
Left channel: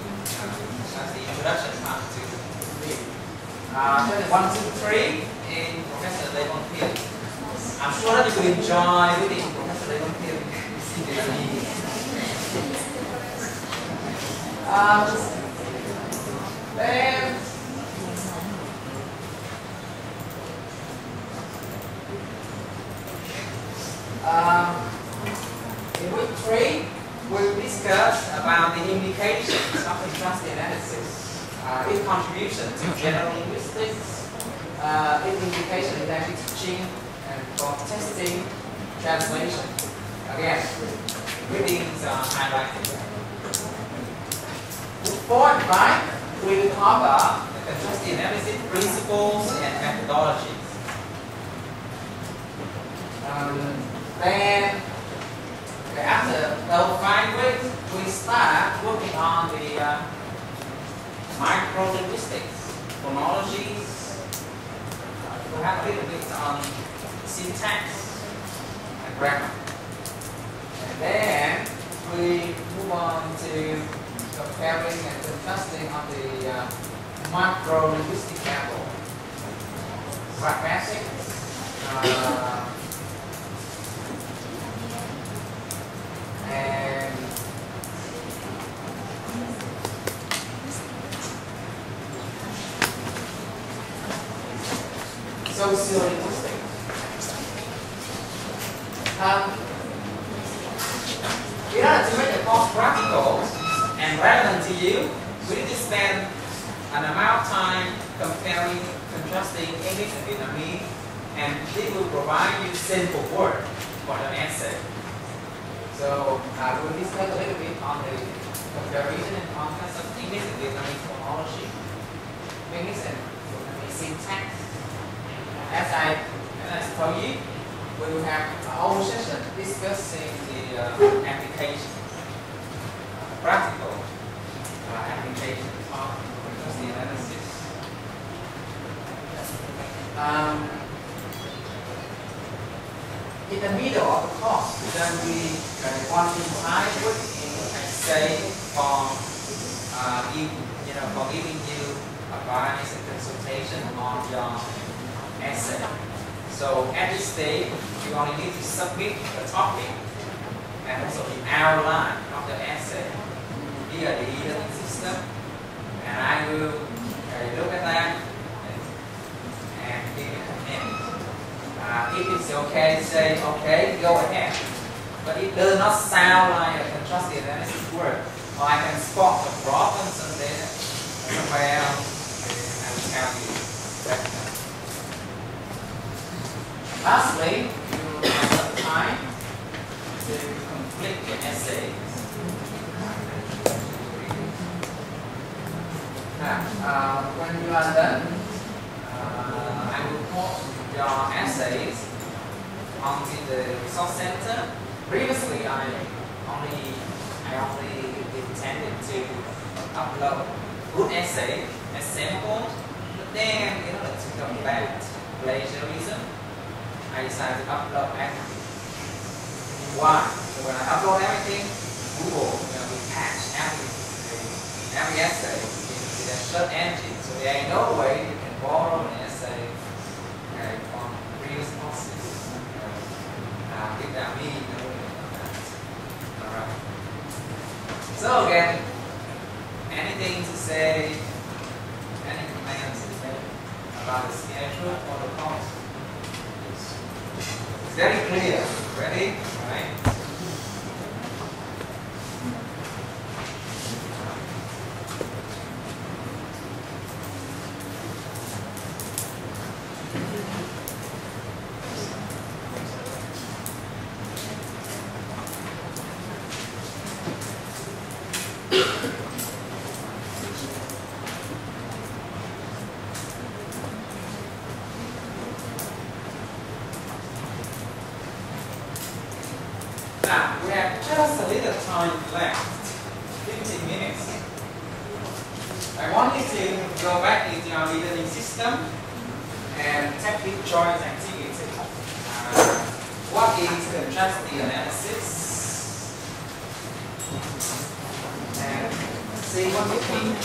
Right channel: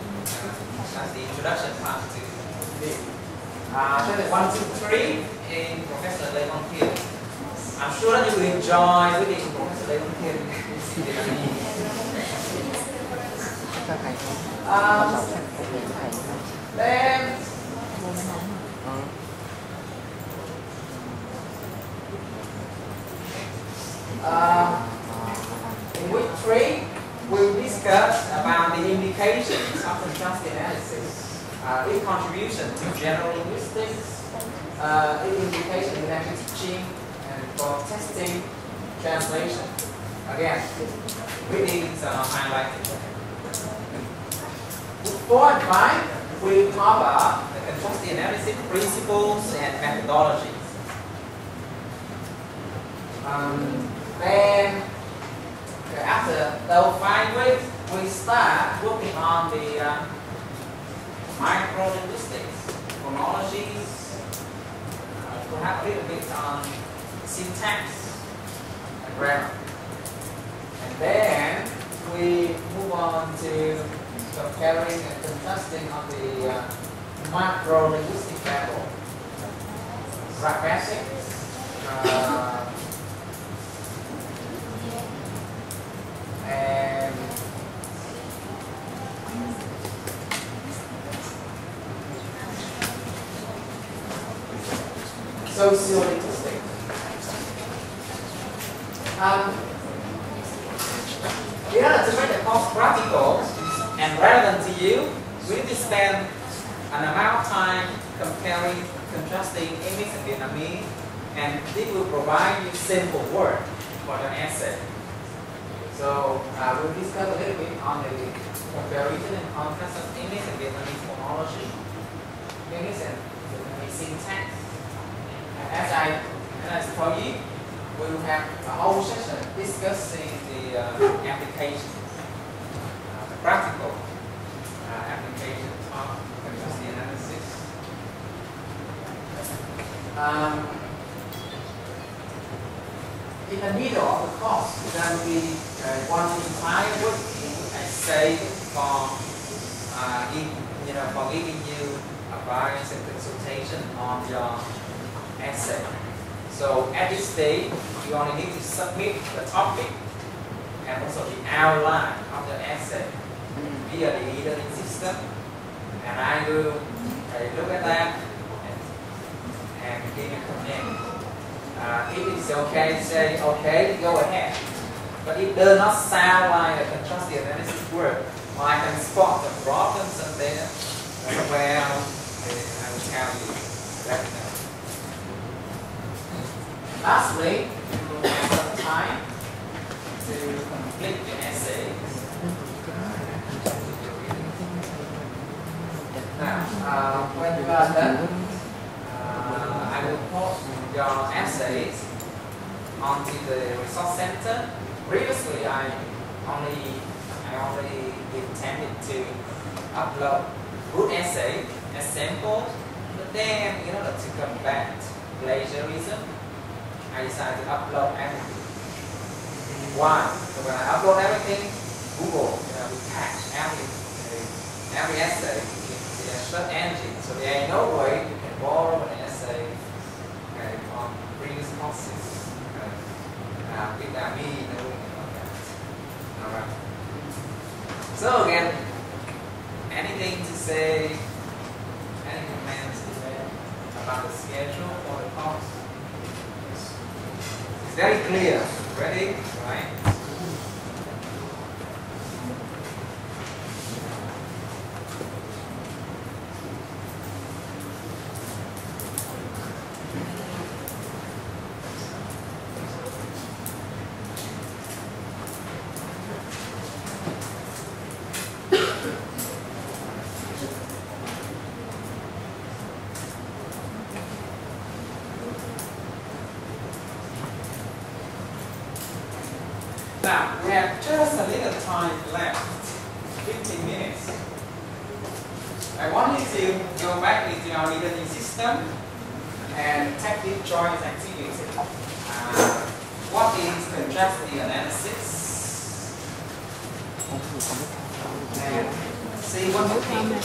that's the introduction part to B. Chapter 1, 2, 3 in Professor Levon Hill. I'm sure that you will enjoy reading Professor Levon Hill. Then in week 3, we'll discuss about the implications of contrastive analysis, its contribution to general linguistics, its implication in language teaching and for testing, translation. Again, readings are highlighted. Week 4 and 5, we'll cover the contrastive analysis principles and methodologies. Then after those 5 weeks, we start working on the micro-linguistics, phonologies, we have a little bit on syntax and grammar. And then we move on to comparing and contrasting on the macro-linguistic level. Graphics, and socio-linguistic. In order to make the course practical and relevant to you, we need to spend an amount of time comparing, contrasting English and Vietnamese, and this will provide you simple words for the essay. So we'll discuss a little bit on the comparison and contrast of English and Vietnamese phonology, English and Vietnamese syntax. And as I told you, we will have a whole session discussing the application, the practical application of contrastive analysis. In the middle of the course, there will be one entire week essay for for giving you advice and consultation on your essay. So at this stage, you only need to submit the topic and also the outline of the essay via the e-learning system, and I will look at that and give you a comment. If it's okay, say okay, go ahead. But it does not sound like a contrastive analysis work, or I can spot the problems and then somewhere else I will tell you that. Lastly, you will have some time to complete your essays. Now, when you are done, I will post your essays onto the resource center. Previously, I only intended to upload good essay as samples, but then in order to combat plagiarism, I decided to upload everything. Why? So when I upload everything, Google will catch every essay into their search engine. So there ain't no way you can borrow an essay from previous courses without me knowing about that. Alright. So again, anything to say, any comments to say about the schedule for the course? It's very clear. Ready? Right? Now, we have just a little time left, 15 minutes. I want you to go back into your e-learning system and take this choice activity. What is contrastive analysis? And see what you think.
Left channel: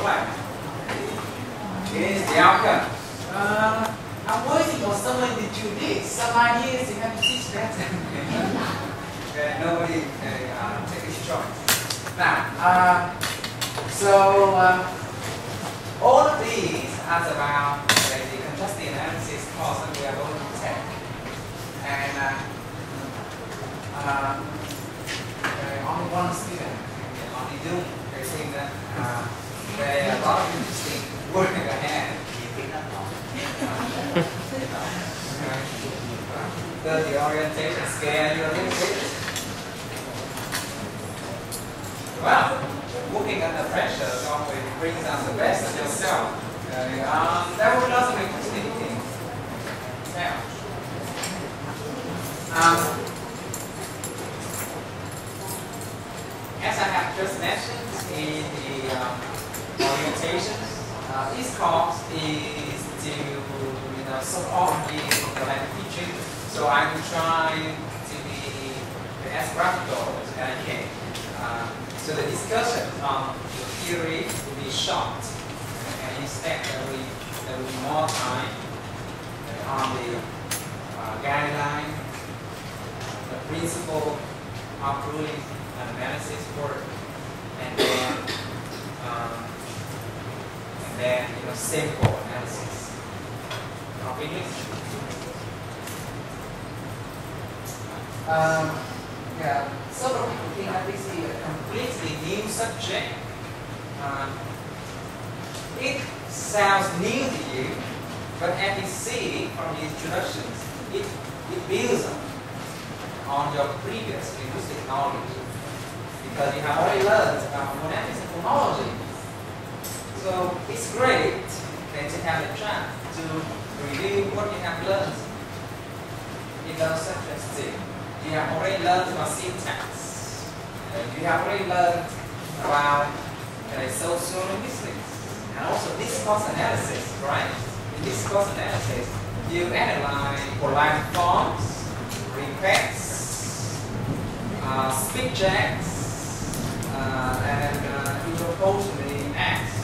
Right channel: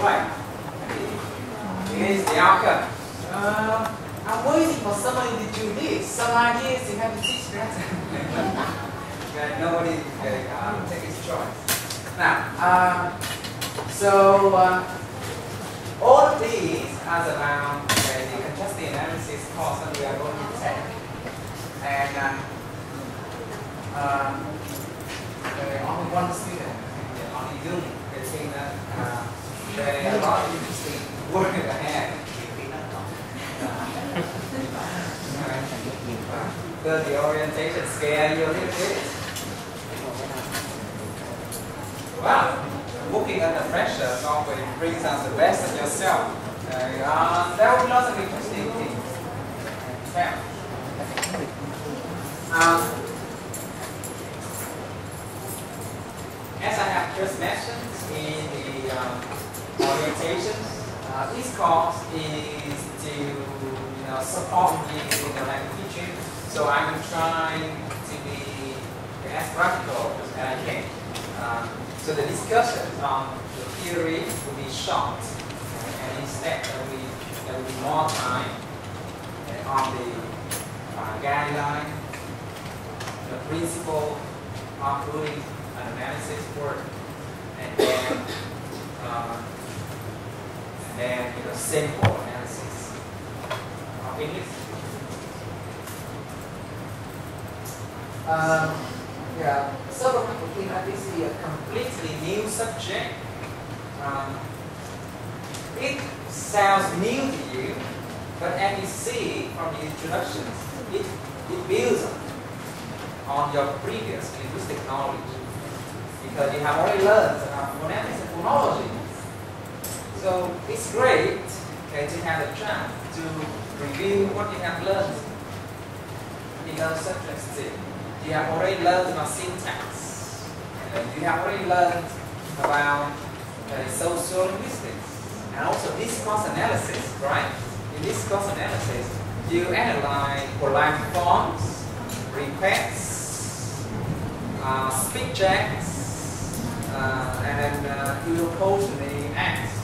Right. Here's the outcome. I'm waiting for somebody to do this. Some ideas you have to teach that. Okay, nobody take his choice. Now, all of these are about the contrastive analysis course that we are going to take. And only one student only doing the thing that they are not interesting work ahead. Does the orientation scare you a little bit? Well, working under pressure always brings out the best of yourself. There will be lots of interesting things. Now, as I have just mentioned in the orientation, this course is to support you in the language teaching. So I will try to be as practical as I can. So the discussion on the theory will be short, and instead there will be more time on the guideline, the principle of doing an analysis work, and then simple analysis of English. Several people think that this is a completely new subject. it sounds new to you, but as you see from the introductions, it builds on your previous linguistic knowledge because you have already learned about phonetics and phonology. So it's great to have a chance to review what you have learned in those subjects too. You have already learned about syntax. You have already learned about social linguistics and also discourse analysis, right? In discourse analysis, you analyze polite forms, requests, speech acts, and locutionary acts,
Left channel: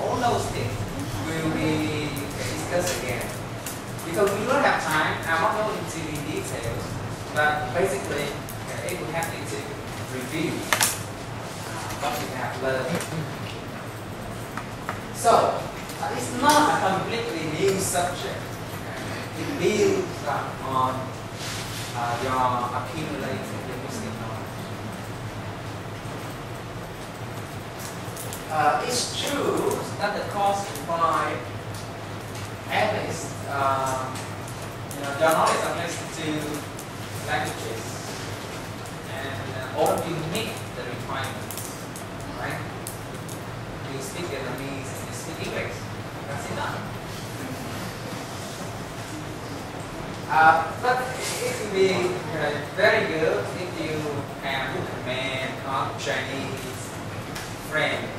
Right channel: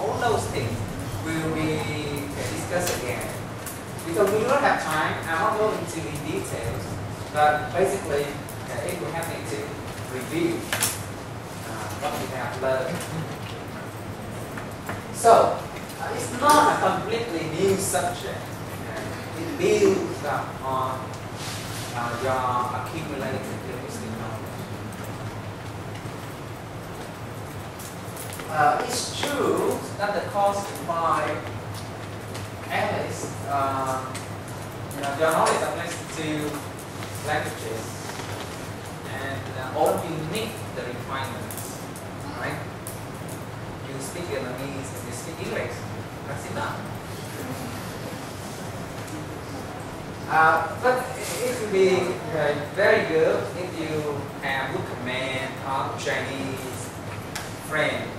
All those things will be discussed again. Because we don't have time, I'm not going into in details, but basically it will happen to review what we have learned. So, it's not a completely new subject. It builds up on your accumulated linguistic knowledge. It's true that the course by analysts, your knowledge applies to languages, and all of you meet the requirements, right? You speak Vietnamese and you speak English. That's enough. But it would be very good if you have good command of Chinese, French,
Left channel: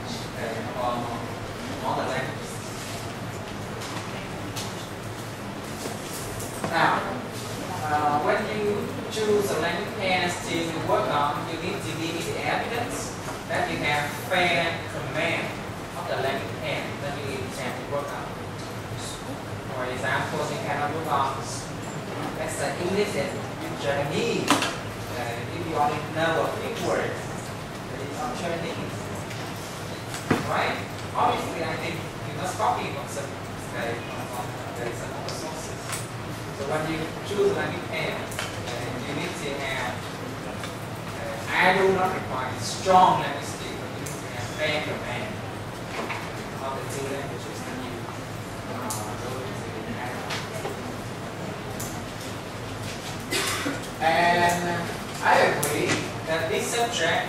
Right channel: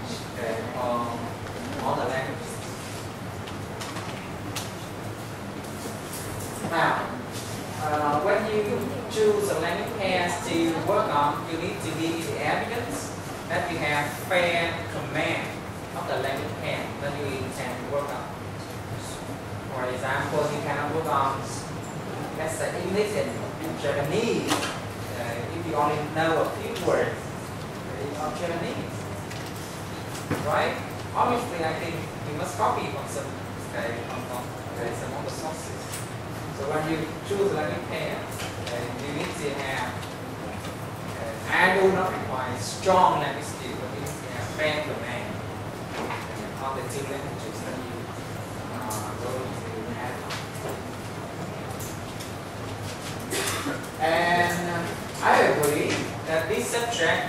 all the languages. Now, when you choose a language pair to work on, you need to give the evidence that you have fair command of the language pair that you intend to work on. For example, you cannot work on, let's say, English and Japanese if you only know a few words of Japanese. Right? Obviously, I think you must copy from some other sources. So when you choose a language pair, you need to have, I do not require strong language skills, but you need to have fair command of the two languages that you go to add. And I agree that this subject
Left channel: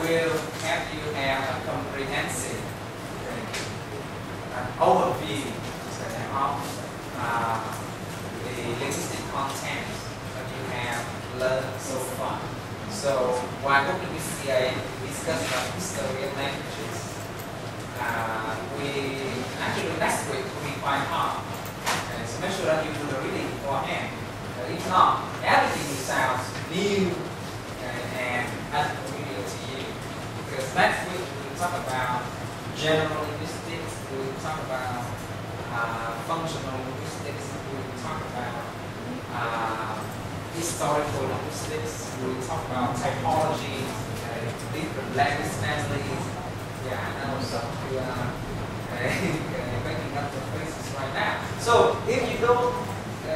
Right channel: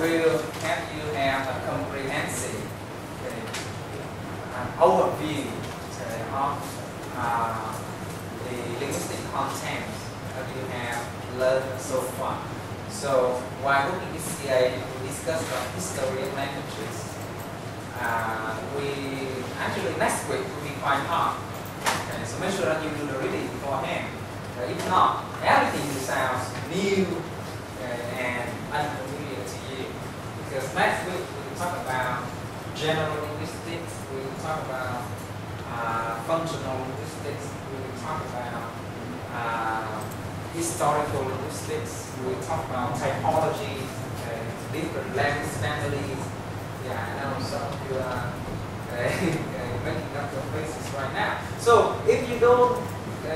will help you have a comprehensive overview of the linguistic content that you have learned so far. So while working with CA, we discussed about history of languages. We actually next week will be quite hard. Okay, so make sure that you do the reading beforehand. If not, everything will sound new and unfamiliar to you. Because next week we will talk about general linguistics, we will talk about functional linguistics, we will talk about historical linguistics, we will talk about typology, different language families. Yeah, I know some of you are making up your faces right now. So if you don't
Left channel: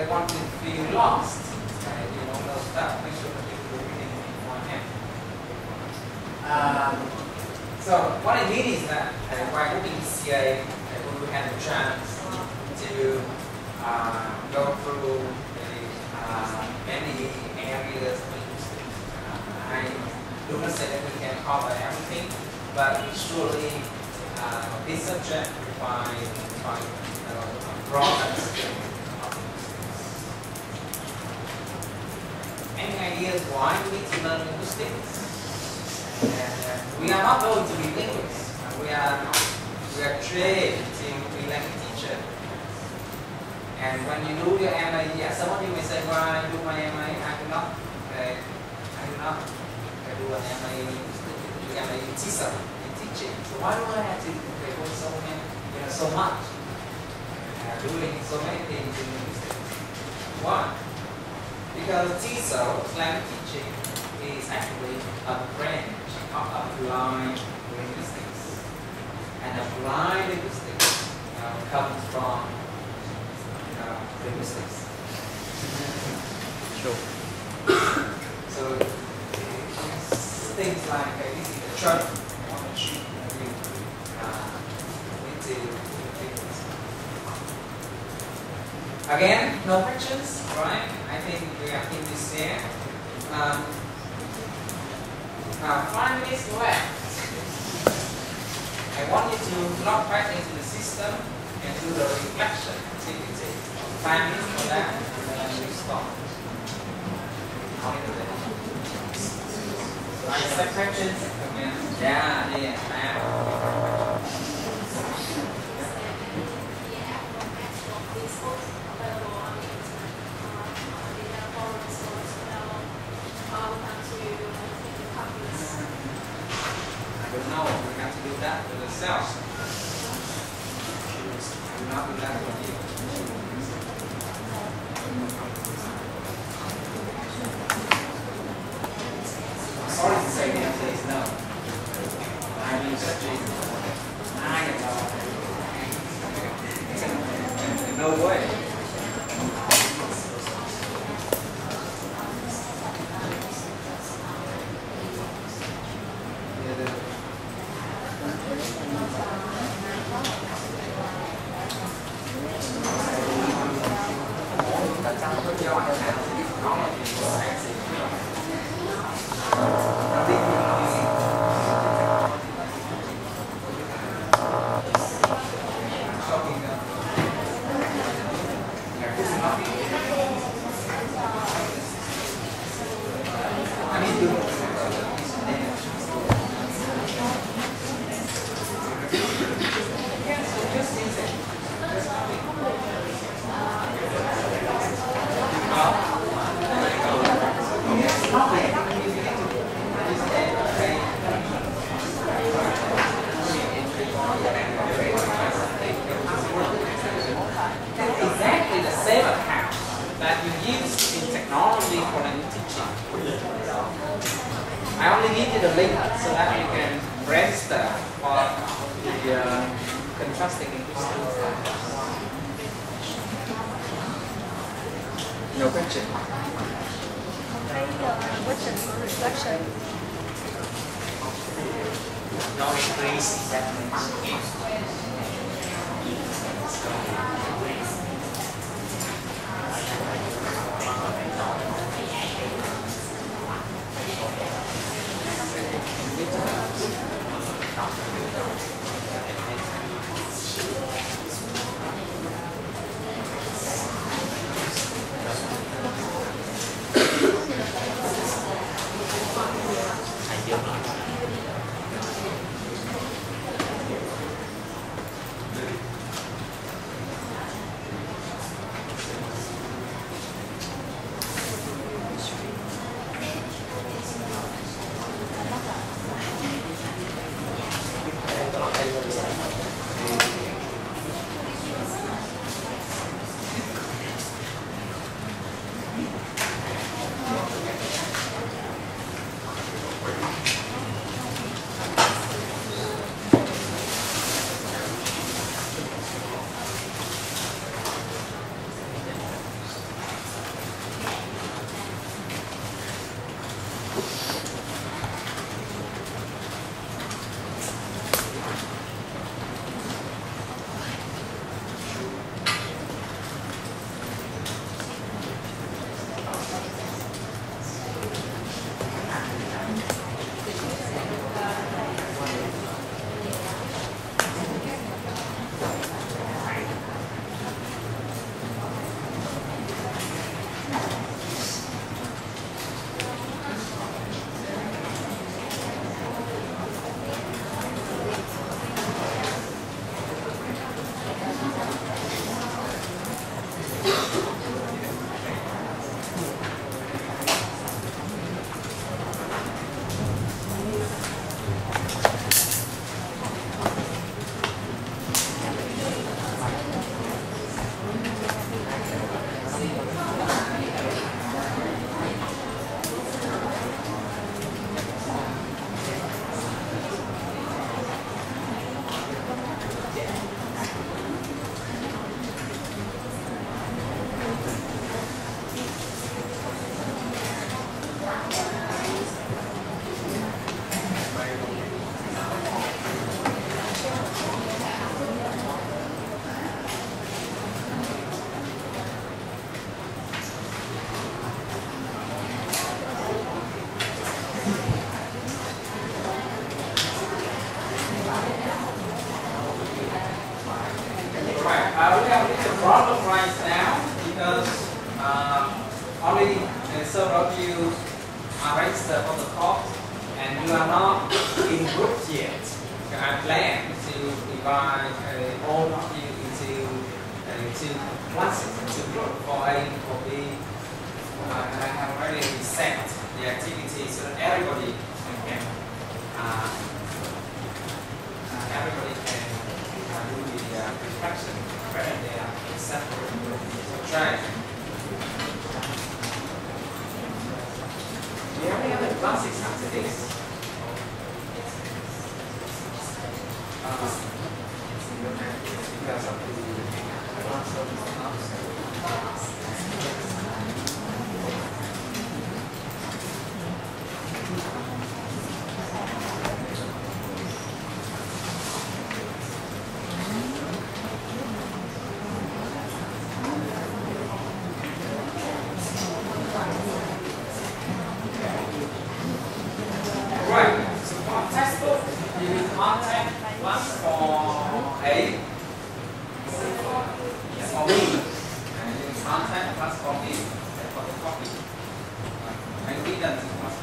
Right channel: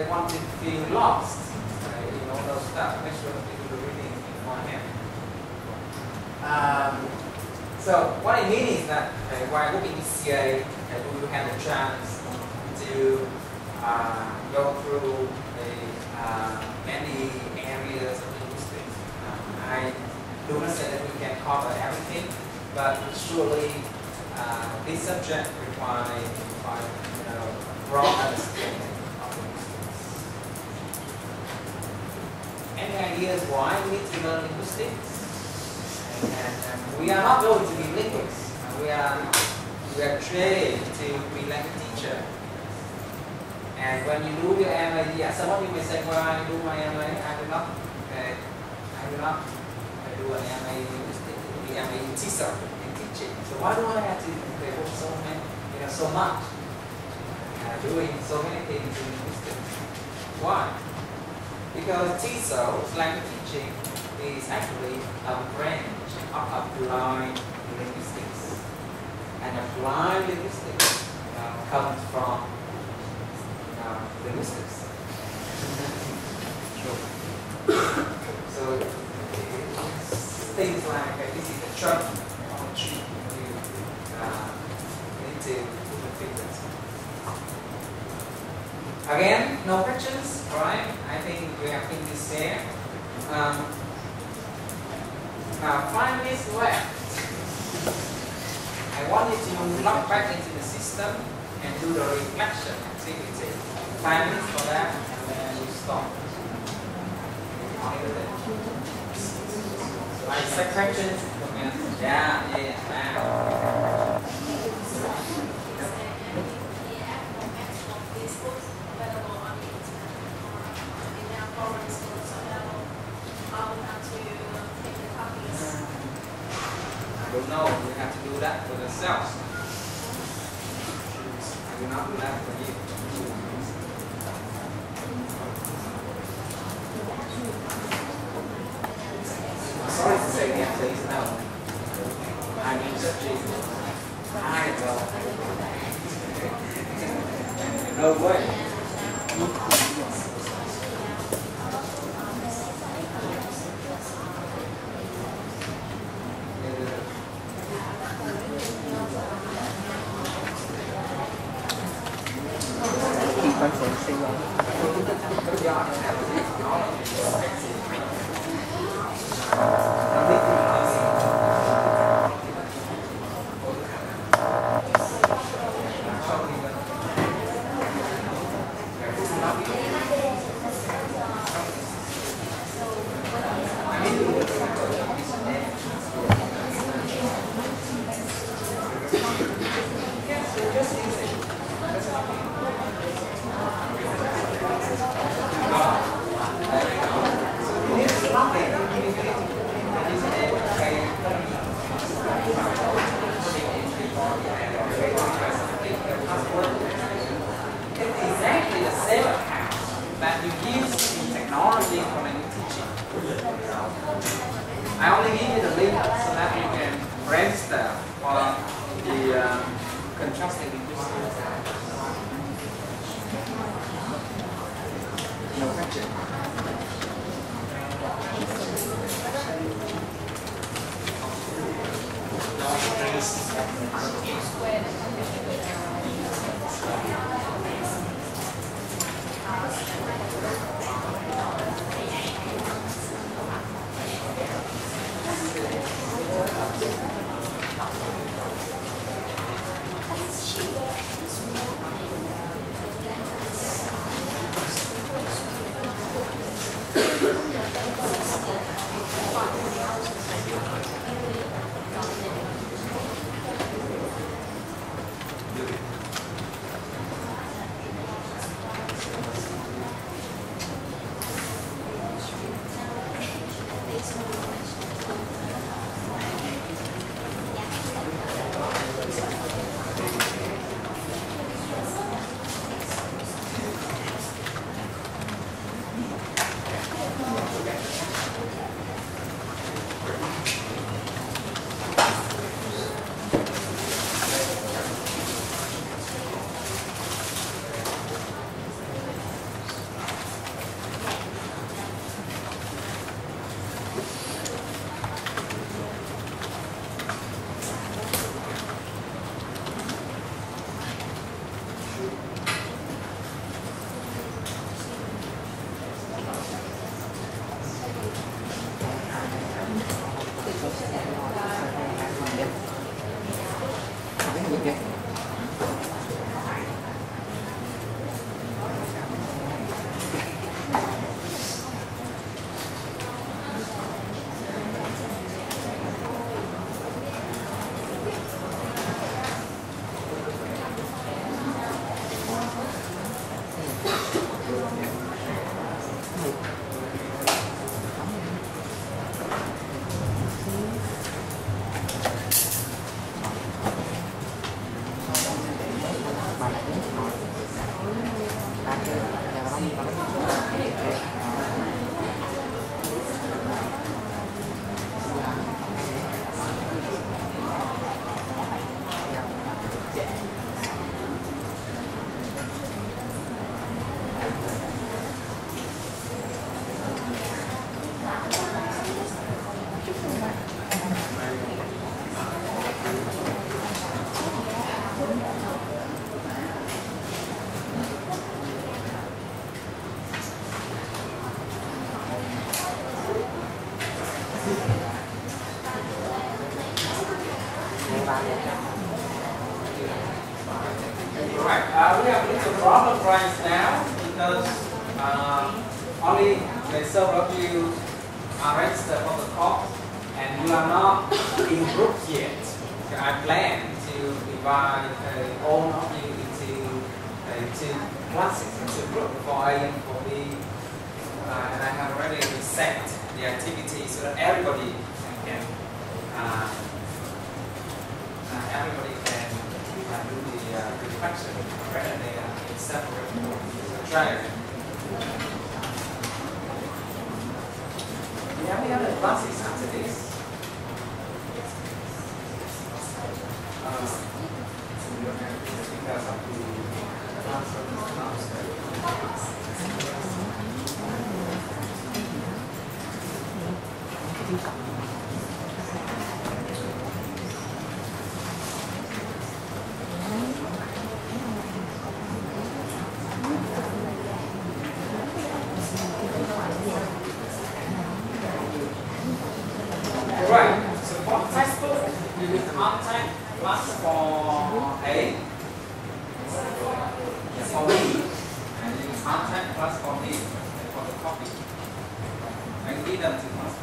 want to feel lost, you know, those stuff, make sure that you do the reading beforehand. So what I mean is that while working in CA, we will have a chance to go through many areas of linguistics. I do not say that we can cover everything, but surely this subject requires a broad understanding of linguistics. Any ideas why we need to learn linguistics? And we are not going to be linguists. We are trained to be language teacher. And when you do your MA, yeah, some of you may say, well, I do my MA, I do not do an MA in TESOL, in teaching. So why do I have to devote so much, doing so many things in linguistics? Why? Because TESOL, language teaching, is actually a branch of applied linguistics. And applied linguistics comes from linguistics. Sure. So things like this is the trunk of the Again, no questions, right? I think we have finished there. Now 5 minutes left. I want you to log back into the system and do the reflection activity. 5 minutes for that, and then we stop. I set questions, comments. Yeah, wow. I don't know, we have to do that for ourselves. I will not do that for you. I'm sorry to say that, please, no. I mean, just Jesus. I know. No way. I only need you the link so that you can register for the contrasting interest. No question. registered for the course and you are not in groups yet, okay, I plan to divide all of you into two classes, into groups for A and for B, and I have already set the activity so that everybody can do the reflection rather than separate. So try. Do you have any other classes after this? Because of the class of Right, so for textbook, you will contact plus for A, for B, and you will contact plus for B, for the copy. And B done to us.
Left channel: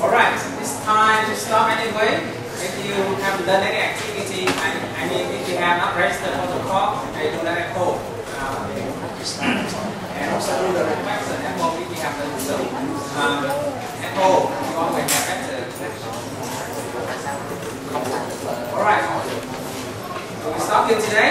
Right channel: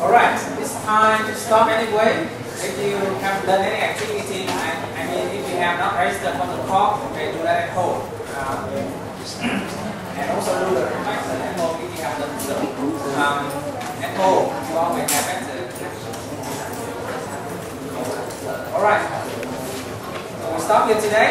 Alright, it's time to stop anyway. If you haven't done any activity, I mean if you have not registered for the course, okay, do that at home. And also do the reflection at home if you have done so. At home, you always have better. Alright, so we stop here today.